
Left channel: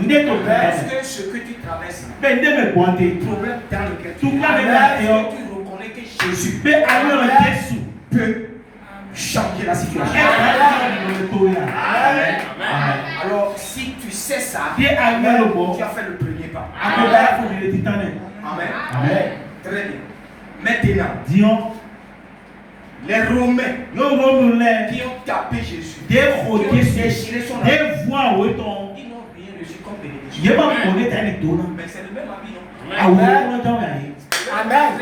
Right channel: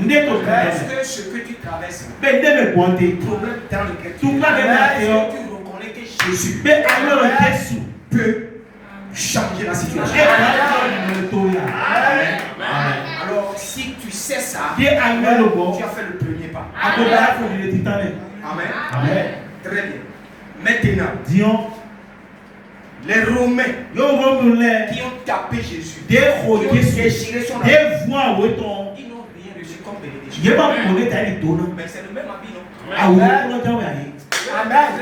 Parce que ce que tu traverses, le problème dans lequel tu reconnais que Jésus peut changer la situation. Alors, si tu sais ça, tu as fait le premier pas. Amen. Très bien. Maintenant, les Romains qui ont tapé Jésus, qui ont déchiré son habit, ils n'ont rien reçu comme bénédiction. Mais c'est le même habit, non? Amen.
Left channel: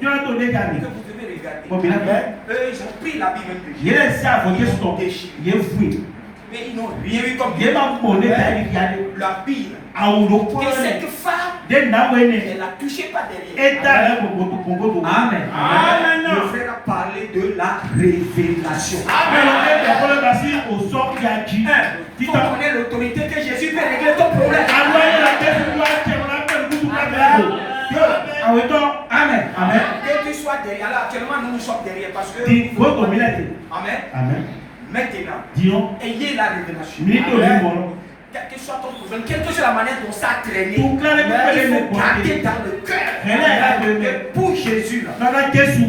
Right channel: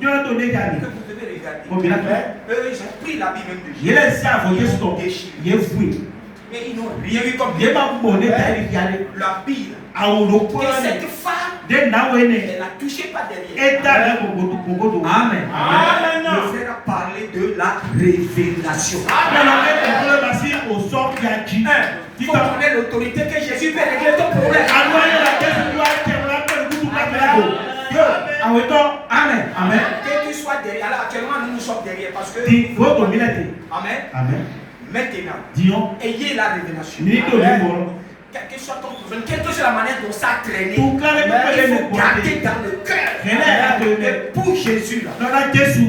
Que vous devez regarder. Eux, ils ont pris l'habit même de Jésus. Ils ont déchiré. Mais ils n'ont rien eu comme bénédiction. L'habit que cette femme Elle a touché par derrière. Amen. Le frère a parlé de la révélation. Il faut connaître l'autorité que Jésus peut régler ton problème. Amen. Amen. Que tu sois derrière. Alors actuellement nous sommes derrière parce que. Amen. Maintenant, ayez la révélation. Quel que soit ton problème, quelle que soit la manière dont ça a traîné, il faut garder dans le cœur. Pour Jésus,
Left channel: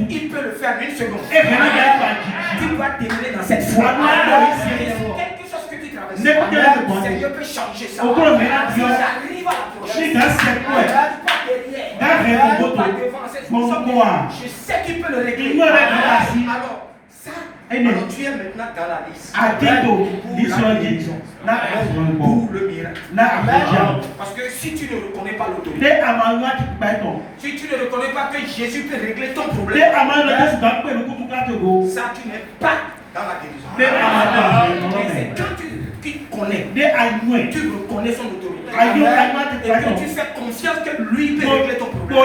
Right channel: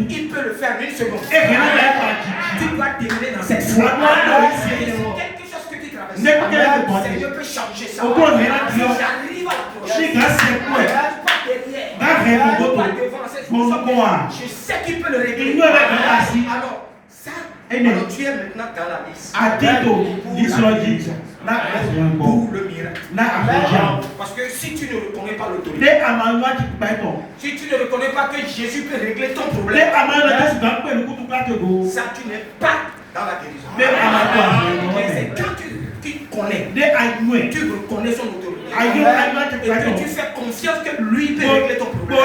il peut le faire en une seconde. Tu dois demeurer dans cette foi. Quelque chose que tu traverses, Seigneur peut changer ça. Si j'arrive à l'approcher, pas derrière, pas devant, je sais qu'il peut le régler. Alors, ça. Alors tu es maintenant dans la liste pour le miracle. Parce que si tu ne reconnais pas l'autorité, si tu ne reconnais pas que Jésus peut régler ton problème, ça tu n'es pas dans la guérison. Mais c'est quand tu connais, tu reconnais son autorité et que tu fais confiance que lui peut régler ton problème.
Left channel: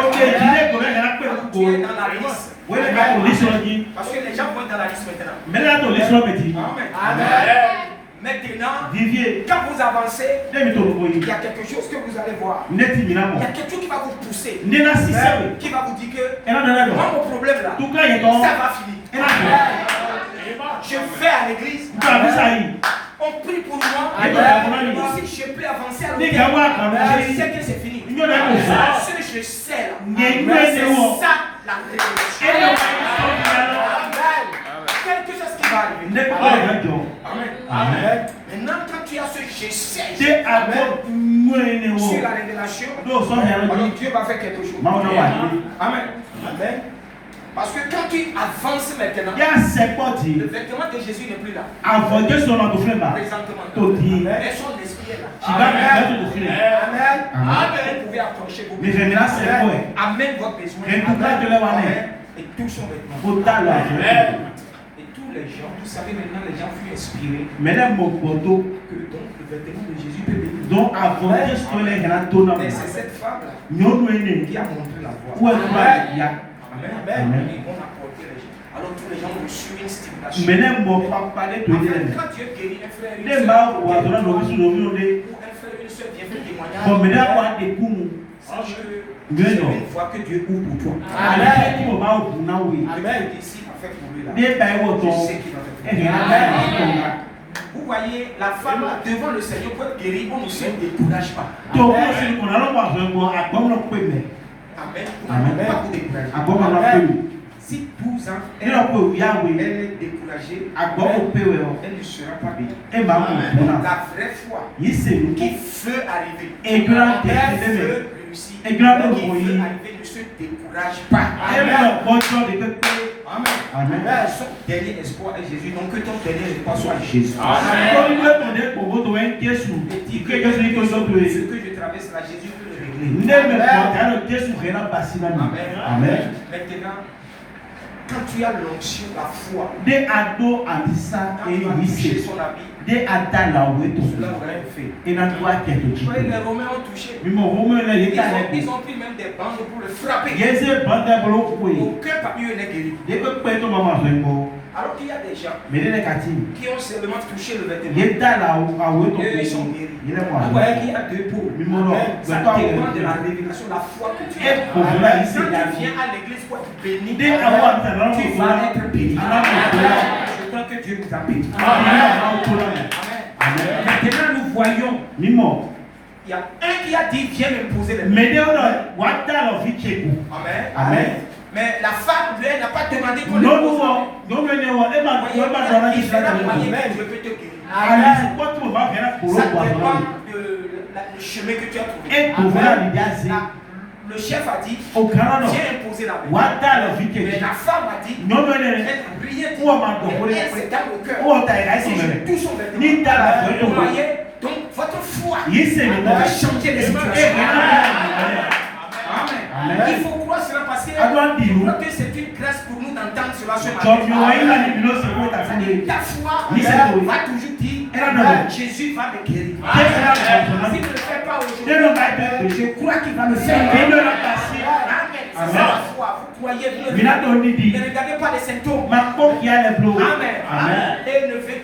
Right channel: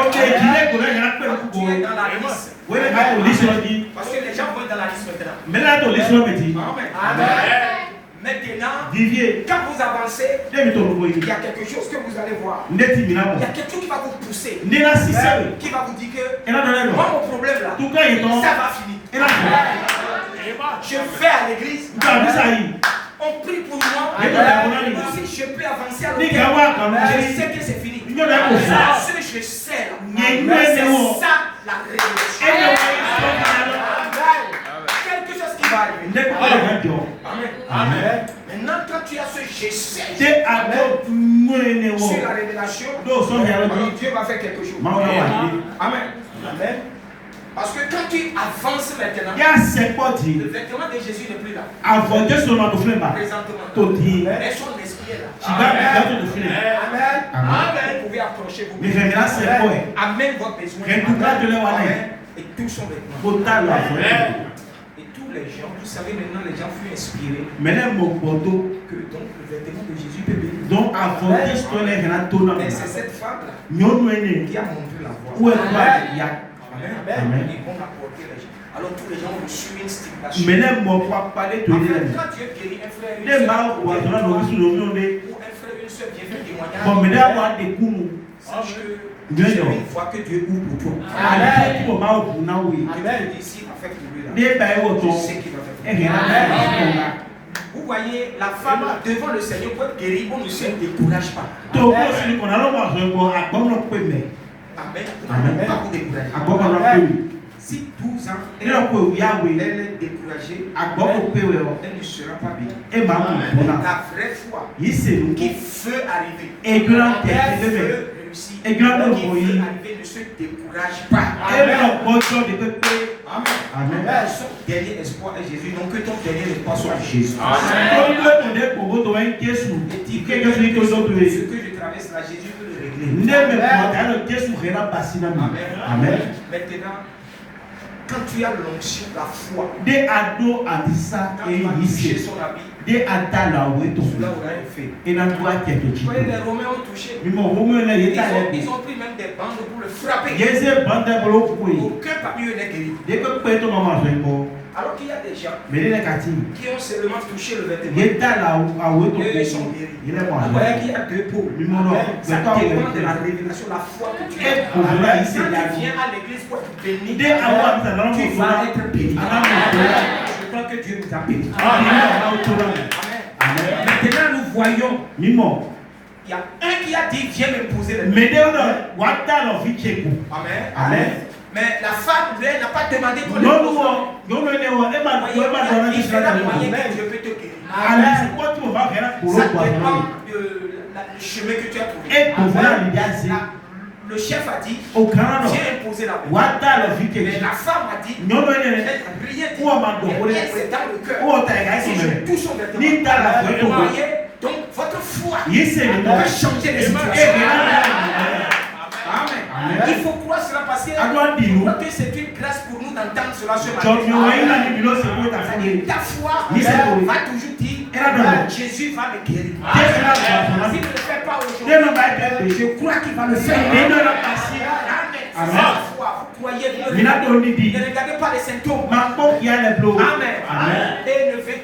Tu es dans la liste. Parce que les gens vont être dans la liste maintenant. Amen. Maintenant, quand vous avancez, il y a quelque chose que vous allez voir. Il y a quelque chose qui va vous pousser, qui va vous dire que moi mon problème là, ça va finir. Je vais à l'église, on prie pour moi, aussi je peux avancer à l'autre. Je sais que c'est fini. Ce que je sais là, c'est ça la révélation. Quelque chose qui va arriver. Amen. Maintenant, quand tu as ce je sais sur la révélation, alors Dieu va faire quelque chose. Amen. Parce que quand tu avances maintenant, le vêtement de Jésus n'est plus là. Présentement. Mais son esprit est là. Amen. Vous pouvez approcher vos besoins. Amen votre besoin. Amen. Et tout son vêtement. Et tous les gens, vous savez maintenant, les gens furent inspirés. Que donc le vêtement de Jésus peut venir. Mais c'est cette femme-là qui a montré la voie. Amen. Ils vont apporter les gens. Alors tous les gens ont reçu une stimulation. Quand Dieu guérit un frère, une soeur, ou un frère, une soeur vient faire témoignage, sache que c'est une fois que Dieu ouvre pour toi. Amen. Ici, a fait pour lui là. Je sais qu'il va faire. Vous voyez, la femme là, devant le Seigneur pour être guérie, on ne se décourage pas. Amen. Pas vous décourager. Si 12 ans, elle est découragée, elle ne sera pas bénie. La vraie foi qui veut arriver, elle veut réussir, qui veut arriver, ne se décourage pas. Amen. Son dernier espoir est Jésus, donc que ton dernier espoir soit Jésus. Ce que je traverse là, Jésus peut le régler. Amen. Maintenant, quand tu as l'onction, la foi, quand tu vas toucher son habit, cela aura un fait. Les Romains ont touché. Ils ont pris même des bandes pour le frapper. Aucun parmi eux n'est guéri. Alors qu'il y a des gens qui ont seulement touché le vêtement. Ils sont guéris. Vous voyez qu'il y a deux pots. Ça dépend de la révélation, la foi que tu as. Quand tu viens à l'église pour être béni, tu vas être béni. Je crois que Dieu nous a bénis. Amen. Maintenant nous voyons. Il y a un qui a dit viens me poser les mains. Amen. Mais la femme, elle n'a pas demandé qu'on le pose. Il y a différents moyens que Dieu peut te guérir. Ça dépend du chemin que tu as trouvé. Le chef a dit viens imposer la main. Mais la femme a dit elle n'a rien dit. Elle c'est dans le cœur. Si je touche son vêtement, vous voyez, donc votre foi va changer les situations. Amen. Il faut croire cela parce que c'est une grâce pour nous d'entendre cela ce matin. Ta foi va toujours dire Jésus va me guérir. Si ne le fait pas aujourd'hui, je crois qu'il va le faire. Amen. Vous croyez, vous ne regardez pas les symptômes. Amen.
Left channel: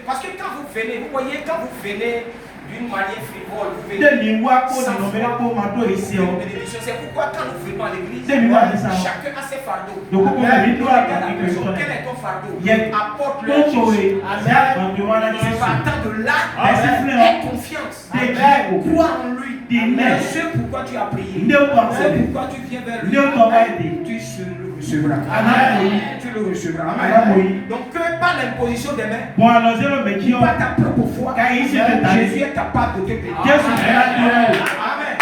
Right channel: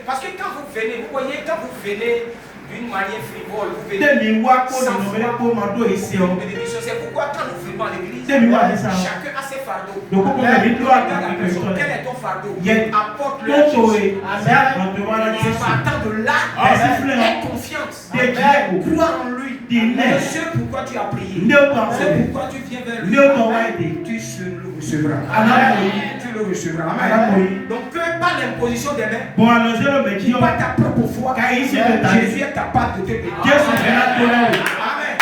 Parce que quand vous venez, vous voyez, quand vous venez d'une manière frivole, vous venez sans foi. C'est pourquoi quand nous venons à l'église, chacun a ses fardeaux. Regarde la personne, quel est ton fardeau? Apporte-le à Jésus. Partant de là, aie confiance. Crois en lui. C'est pourquoi tu as prié. C'est pourquoi tu viens vers lui. Tu le recevras. Tu le recevras. Donc que par l'imposition des mains, pas ta propre foi, Jésus est capable de te bénir. Amen.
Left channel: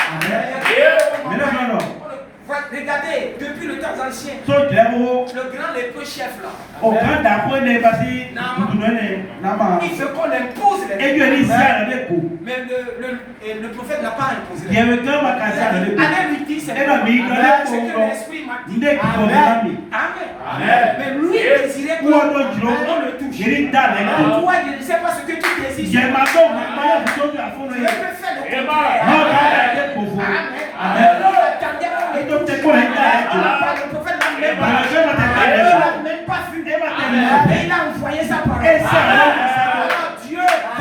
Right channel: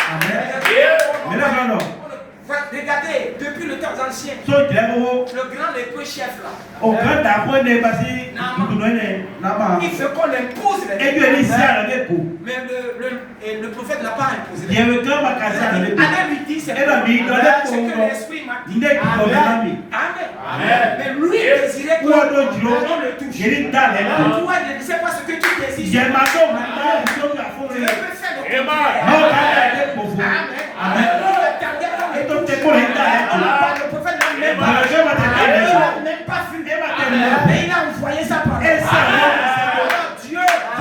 Regardez, depuis le temps ancien, le grand lépreux chef là, il veut qu'on l'impose les mains. Mais le prophète n'a pas imposé les mains. Allez lui dire, c'est ce que l'esprit m'a dit. Amen. Mais lui désirait qu'on le touche. Toi, je ne sais pas ce que tu désires. Je peux faire le contraire. Amen. Le prophète n'a même pas vu. Mais il a envoyé sa parole. Dieu a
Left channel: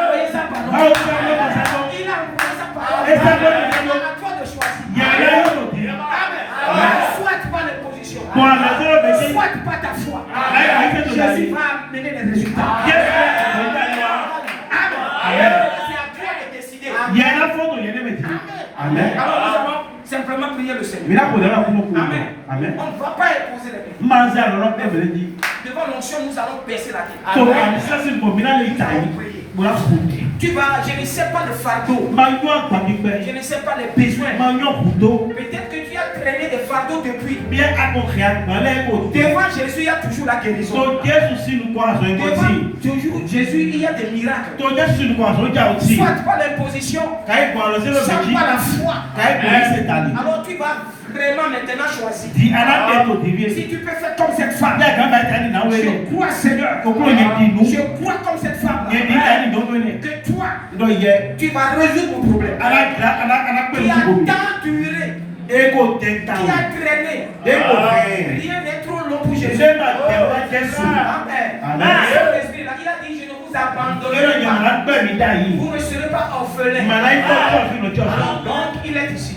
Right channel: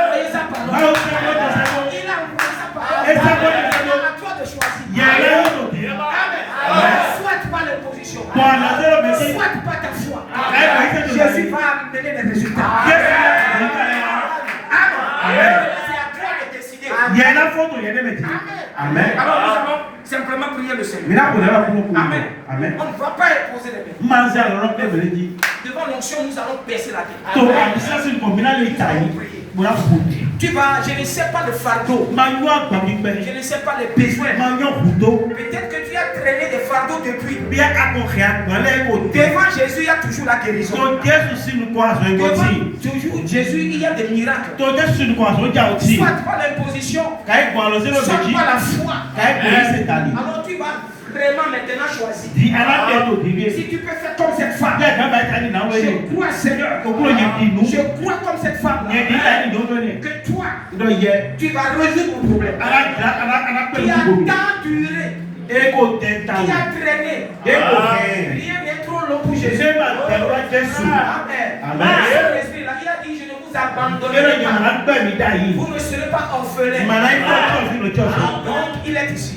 envoyé sa parole. Il a envoyé sa parole. Il a à toi de choisir. Soit pas l'imposition, soit pas ta foi. Jésus va amener les résultats. Amen. C'est à toi de décider. Amen. Alors nous allons simplement prier le Seigneur. Amen. On ne va pas imposer les mains. Devant l'onction, nous allons baisser la tête. Nous allons prier. Tu vas, je ne sais pas le fardeau. Je ne sais pas les besoins. Peut-être que tu as traîné des fardeaux depuis. Devant Jésus, il y a toujours la guérison. Devant Jésus, il y a des miracles. Soit par l'imposition, soit par la foi. Alors tu vas vraiment maintenant choisir. Si tu peux faire comme cette femme, je crois Seigneur, je crois comme cette femme que toi, tu vas résoudre mon problème. Qui a tant duré, qui a traîné, rien n'est trop long pour Jésus. Amen. L'esprit là, il a dit, je ne vous abandonnerai pas. Vous ne serez pas orphelins. Donc il est ici.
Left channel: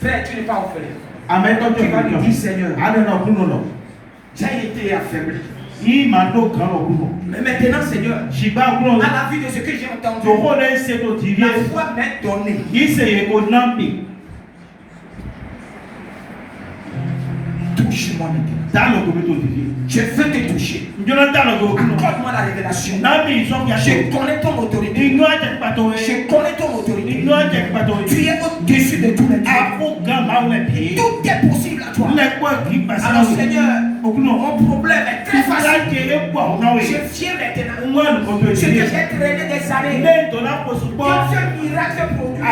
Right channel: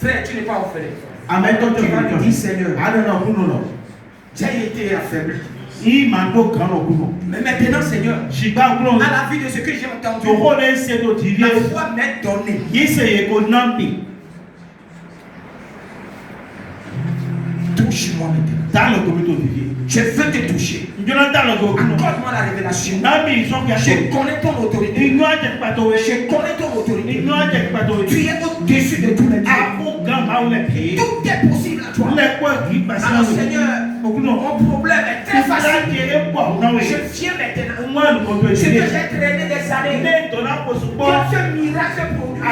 Frère, tu n'es pas orphelin. Amen. Tu vas lui dire, Seigneur, j'ai été affaibli. Mais maintenant, Seigneur, à la vue de ce que j'ai entendu, la foi m'est donnée. Touche-moi maintenant. Je veux te toucher. Accorde-moi la révélation. Je connais ton autorité. Je connais ton autorité. Tu es au-dessus de tous les dieux. Tout est possible à toi. Alors Seigneur, mon problème est très facile. Je viens maintenant. Ce que j'ai traîné des années. Que ce miracle produit.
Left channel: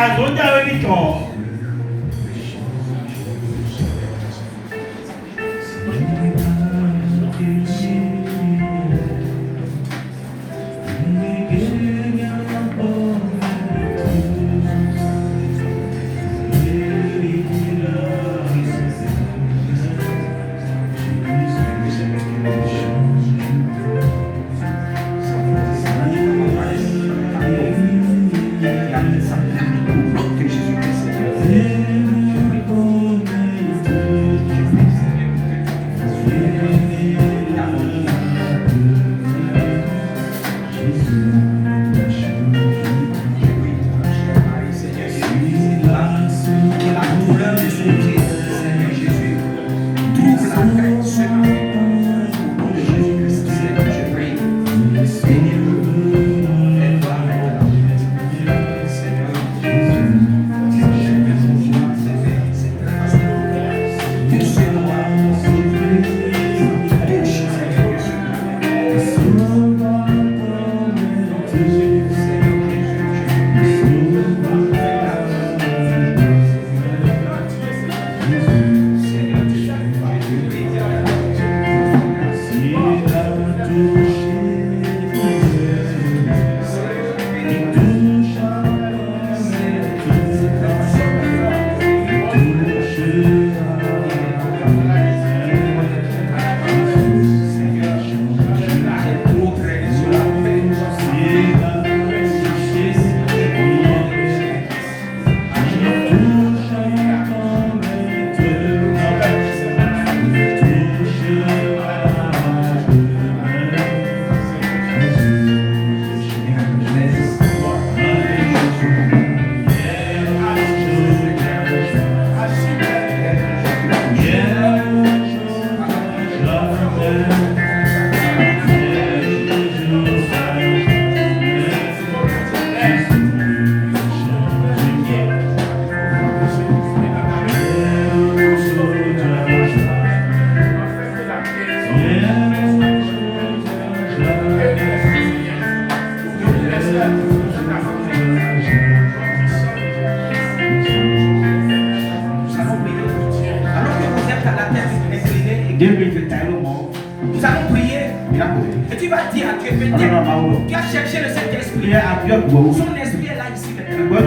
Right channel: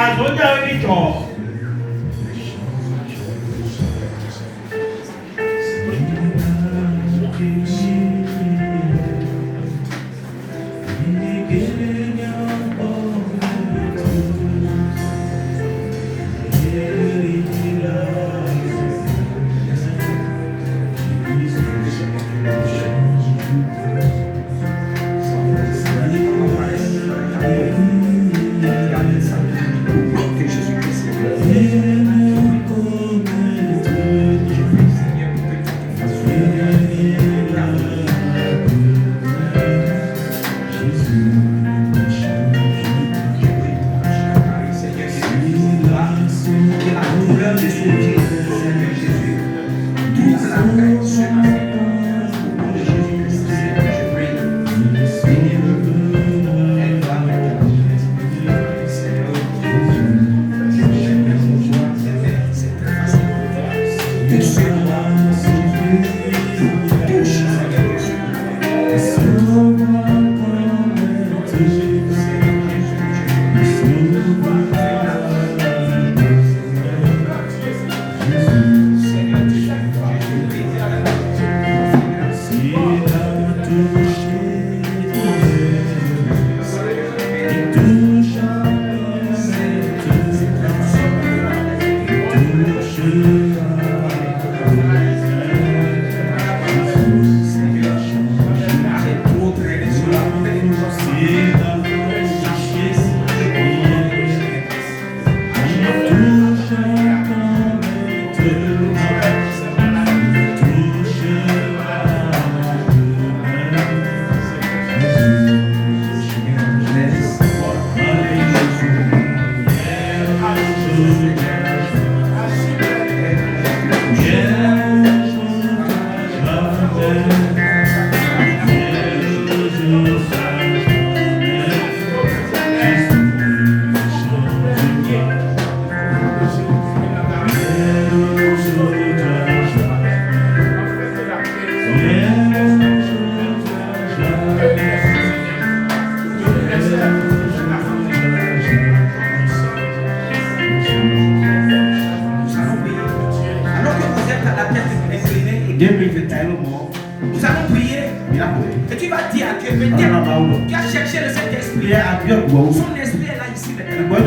Son esprit est là ici maintenant.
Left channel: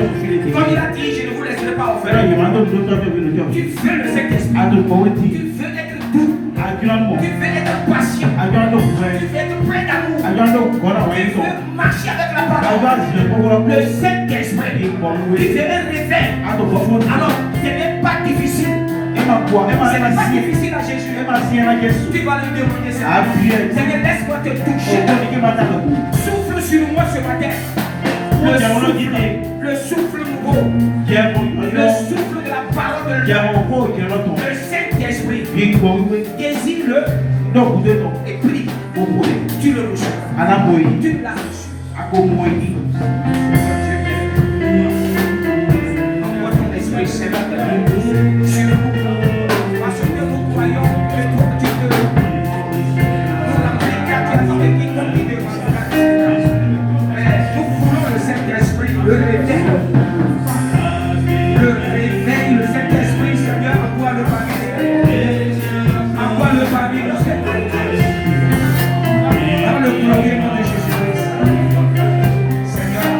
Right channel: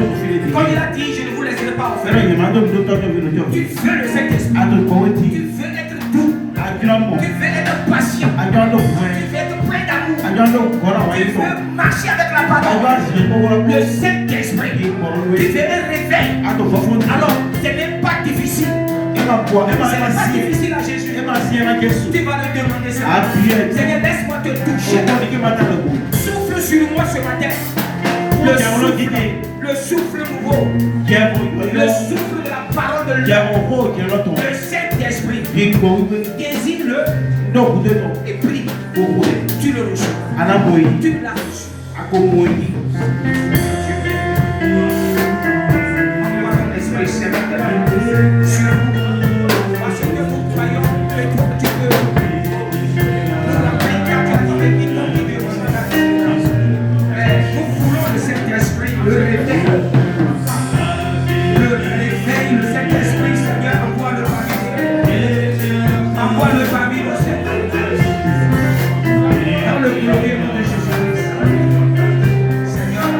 Comme il a dit, je ne vous laisserai pas offrir. Tu veux le Saint-Esprit. Tu veux être doux. Tu veux être patient. Tu veux être plein d'amour. Tu veux marcher avec la parole. Le Saint-Esprit. Tu veux un réveil. Alors, ce n'est pas difficile. Ce n'est pas difficile à Jésus. Tu vas lui demander ça. Seigneur, laisse-moi te toucher. Souffle sur moi ce matin. Le souffle nouveau. Le souffle de la parole de Dieu. Le Saint-Esprit. Désire-le et prie. Tu le reçois. Tu l'as reçu. Envoie ton esprit, Seigneur, sur nous. Parce que nous croyons que toi tu peux. Nous l'avons car tu as avec qui nous vivons. Nous voulons le Saint-Esprit, le réveil. Le réveil, le Saint-Esprit, Seigneur, envoie-le parmi nous. Envoie-le parmi nous, Seigneur. Dans le premier nom de Jésus-Christ. Seigneur,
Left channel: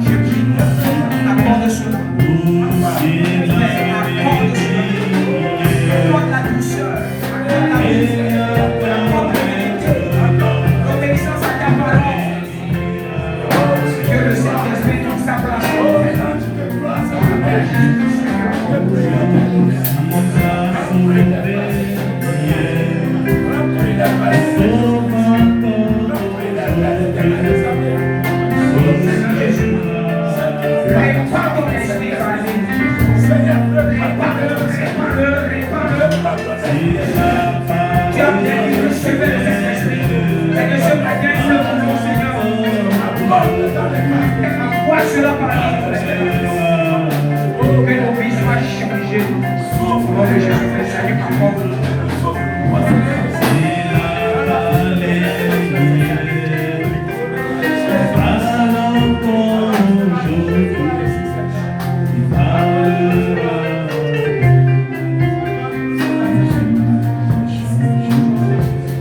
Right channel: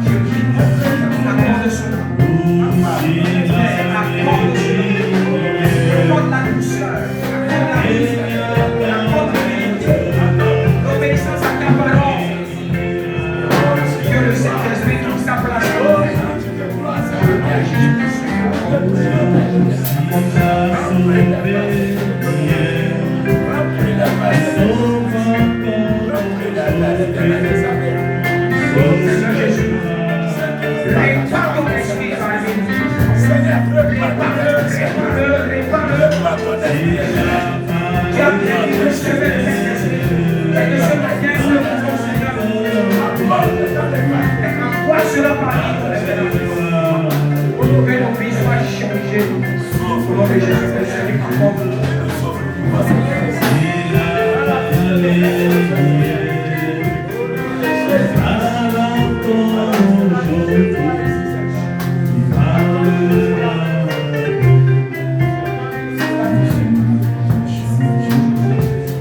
je prie, accorde cela. Accorde cela. Accorde la douceur. Accorde la douceur. Accorde l'humilité. L'obéissance à ta parole. Que le Saint-Esprit trouve sa place. Tu as bien dit que ce Saint-Esprit. Et que ce matin, nous le voulons, Seigneur. Envoie cela par nous. Que nos vies soient changées. Au nom de Jésus-Christ, accorde-le.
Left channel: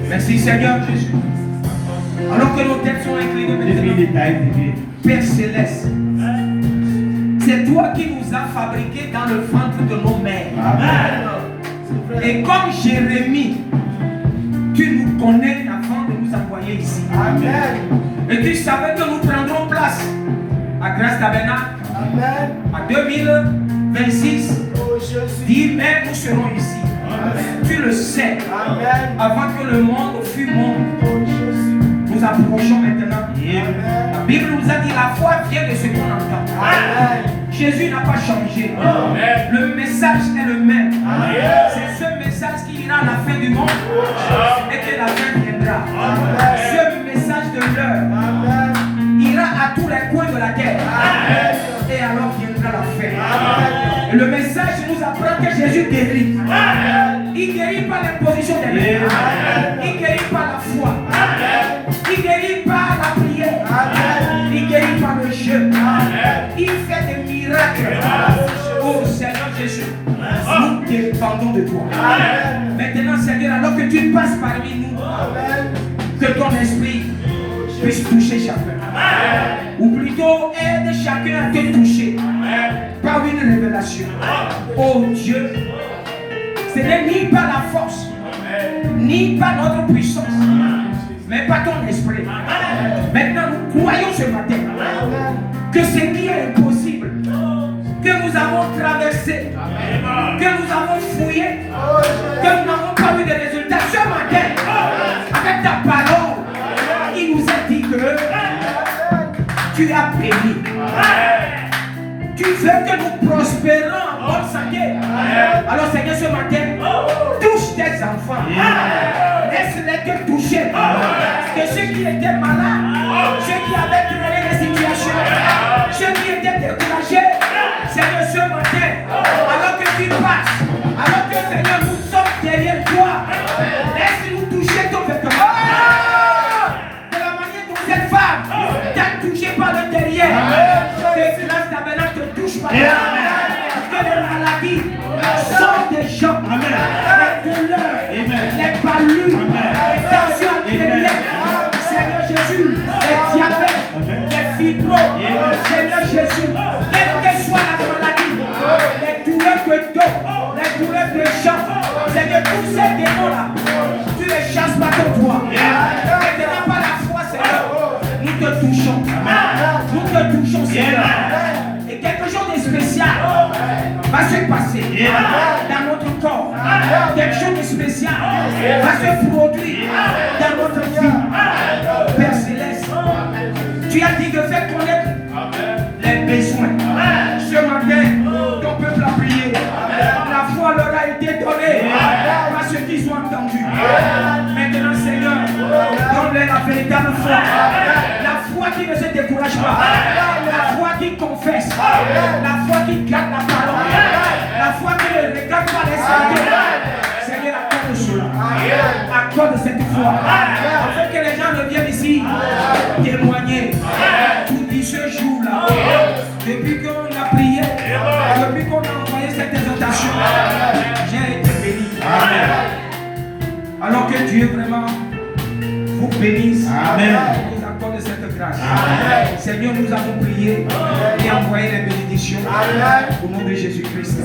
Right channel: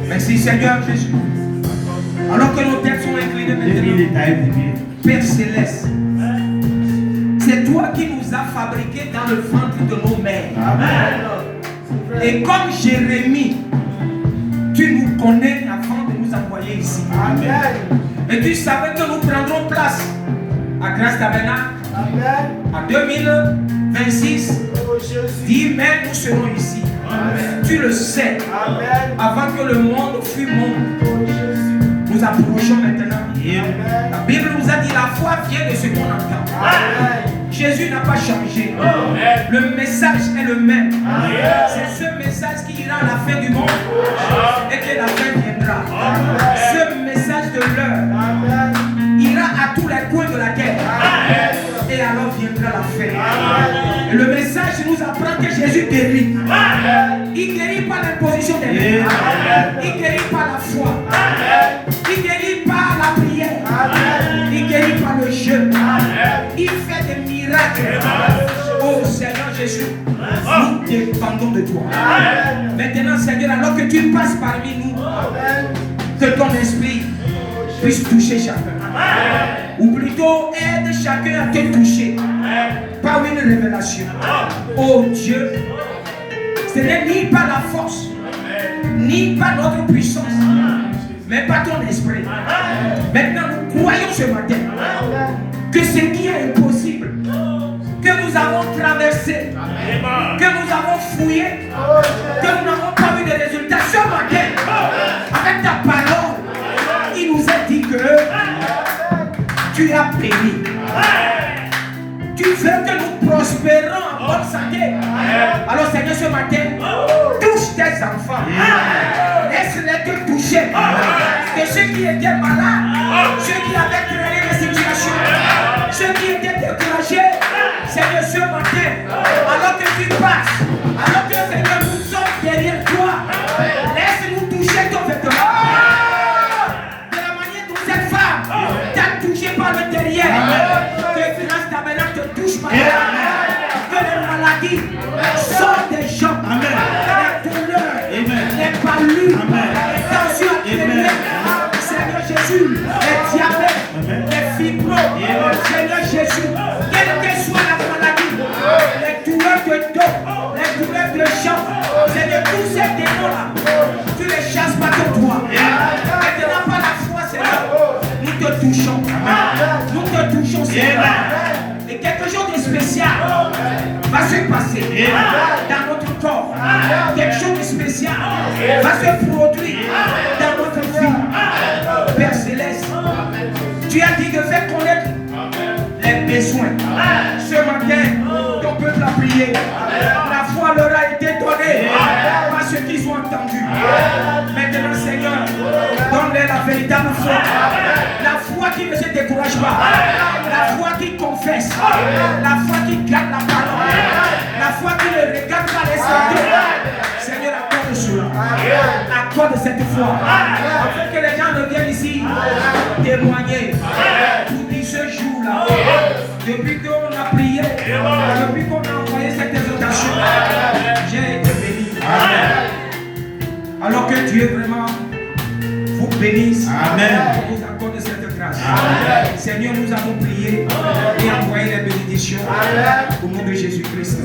Merci Seigneur Jésus. Alors que nos têtes sont inclinées maintenant, Père Céleste, c'est toi qui nous as fabriqués dans le ventre de nos mères. Amen. Et comme Jérémie, tu nous connais avant de nous envoyer ici. Amen. Et tu savais que nous prendrons place à Grâce Tabernacle en 2026. 10 mai, nous serons ici. Amen. Tu le sais. Amen. Avant que le monde fût monde, nous approchons maintenant. Amen. La Bible nous a dit la foi vient de ce qu'on entend. Amen. Jésus n'a pas changé. Amen. Le message est le même. C'est ce message qui ira à la fin du monde. Amen. Et que la fin viendra. Amen. Ce message de l'heure ira à tous les coins de la terre. Amen. Et alors viendra la fin. Amen. Et le message nous apprend que Jésus guérit. Amen. Il guérit par l'imposition des mains. Il guérit par la foi. Amen. Il guérit par la prière. Amen. Il guérit par le jeûne. Il fait des miracles. Oh Seigneur Jésus, nous dépendons de toi. Amen. Maintenant Seigneur, alors que tu passes parmi nous, que ton esprit puisse toucher chacun. Amen. Ou plutôt aide chacun à te toucher. Amen. Par une révélation. Amen. Oh Dieu, ce n'est ni par la force, ni par notre puissance, mais par ton esprit. Amen. Maintenant nous croyons ce matin que ce qui est impossible, que nous avons traversé, que nous avons fouillé, que nous n'avons pas vu de résultats ce matin, avec ta parole, il nous a dit que tu as béni. Tu veux que nous prospérons en bonne santé. Alors Seigneur, ce matin, touche tes enfants. Laisse-les te toucher. Que ceux qui étaient malades, ceux qui avaient traîné la situation, ceux qui étaient découragés, Seigneur, ce matin, alors que tu passes, alors que Seigneur, nous sommes derrière toi, laisse-nous toucher ton vêtement. De la manière dont cette femme t'a touché par le derrière, que Grâce Tabernacle te touche par derrière, que les maladies sortent des jambes, les douleurs, les palus, les tensions artérielles, Seigneur Jésus, les diabètes, les diplôme. Seigneur Jésus, quelle que soit la maladie, les douleurs de dos, les douleurs de jambes, Seigneur, tous ces démons-là, tu les chasses par ton doigt. Maintenant, par la foi, Seigneur, nous te touchons. Nous te touchons, Seigneur. Et quelque chose de spécial va se passer dans notre corps. Quelque chose de spécial va se produire dans notre vie. Père Céleste, tu as dit de faire connaître les besoins. Ce matin, ton peuple a prié. La foi leur a été donnée par ce qu'ils ont entendu. Maintenant, Seigneur, donne-leur la véritable foi. La foi qui ne se décourage pas. La foi qui confesse. La foi qui garde la parole. La foi qui ne regarde pas les symptômes. Seigneur, accorde cela. Accorde cette foi. Afin que les gens reviennent ici témoigner. Tout dit ce jour-là. Depuis qu'on a prié. Depuis qu'on a envoyé cette exhortation. J'ai été béni. Alors que Dieu vraiment vous bénisse. Amen. Vous accorde cette grâce. Amen. Seigneur, nous avons prié et envoyé les bénédictions au nom de Jésus-Christ.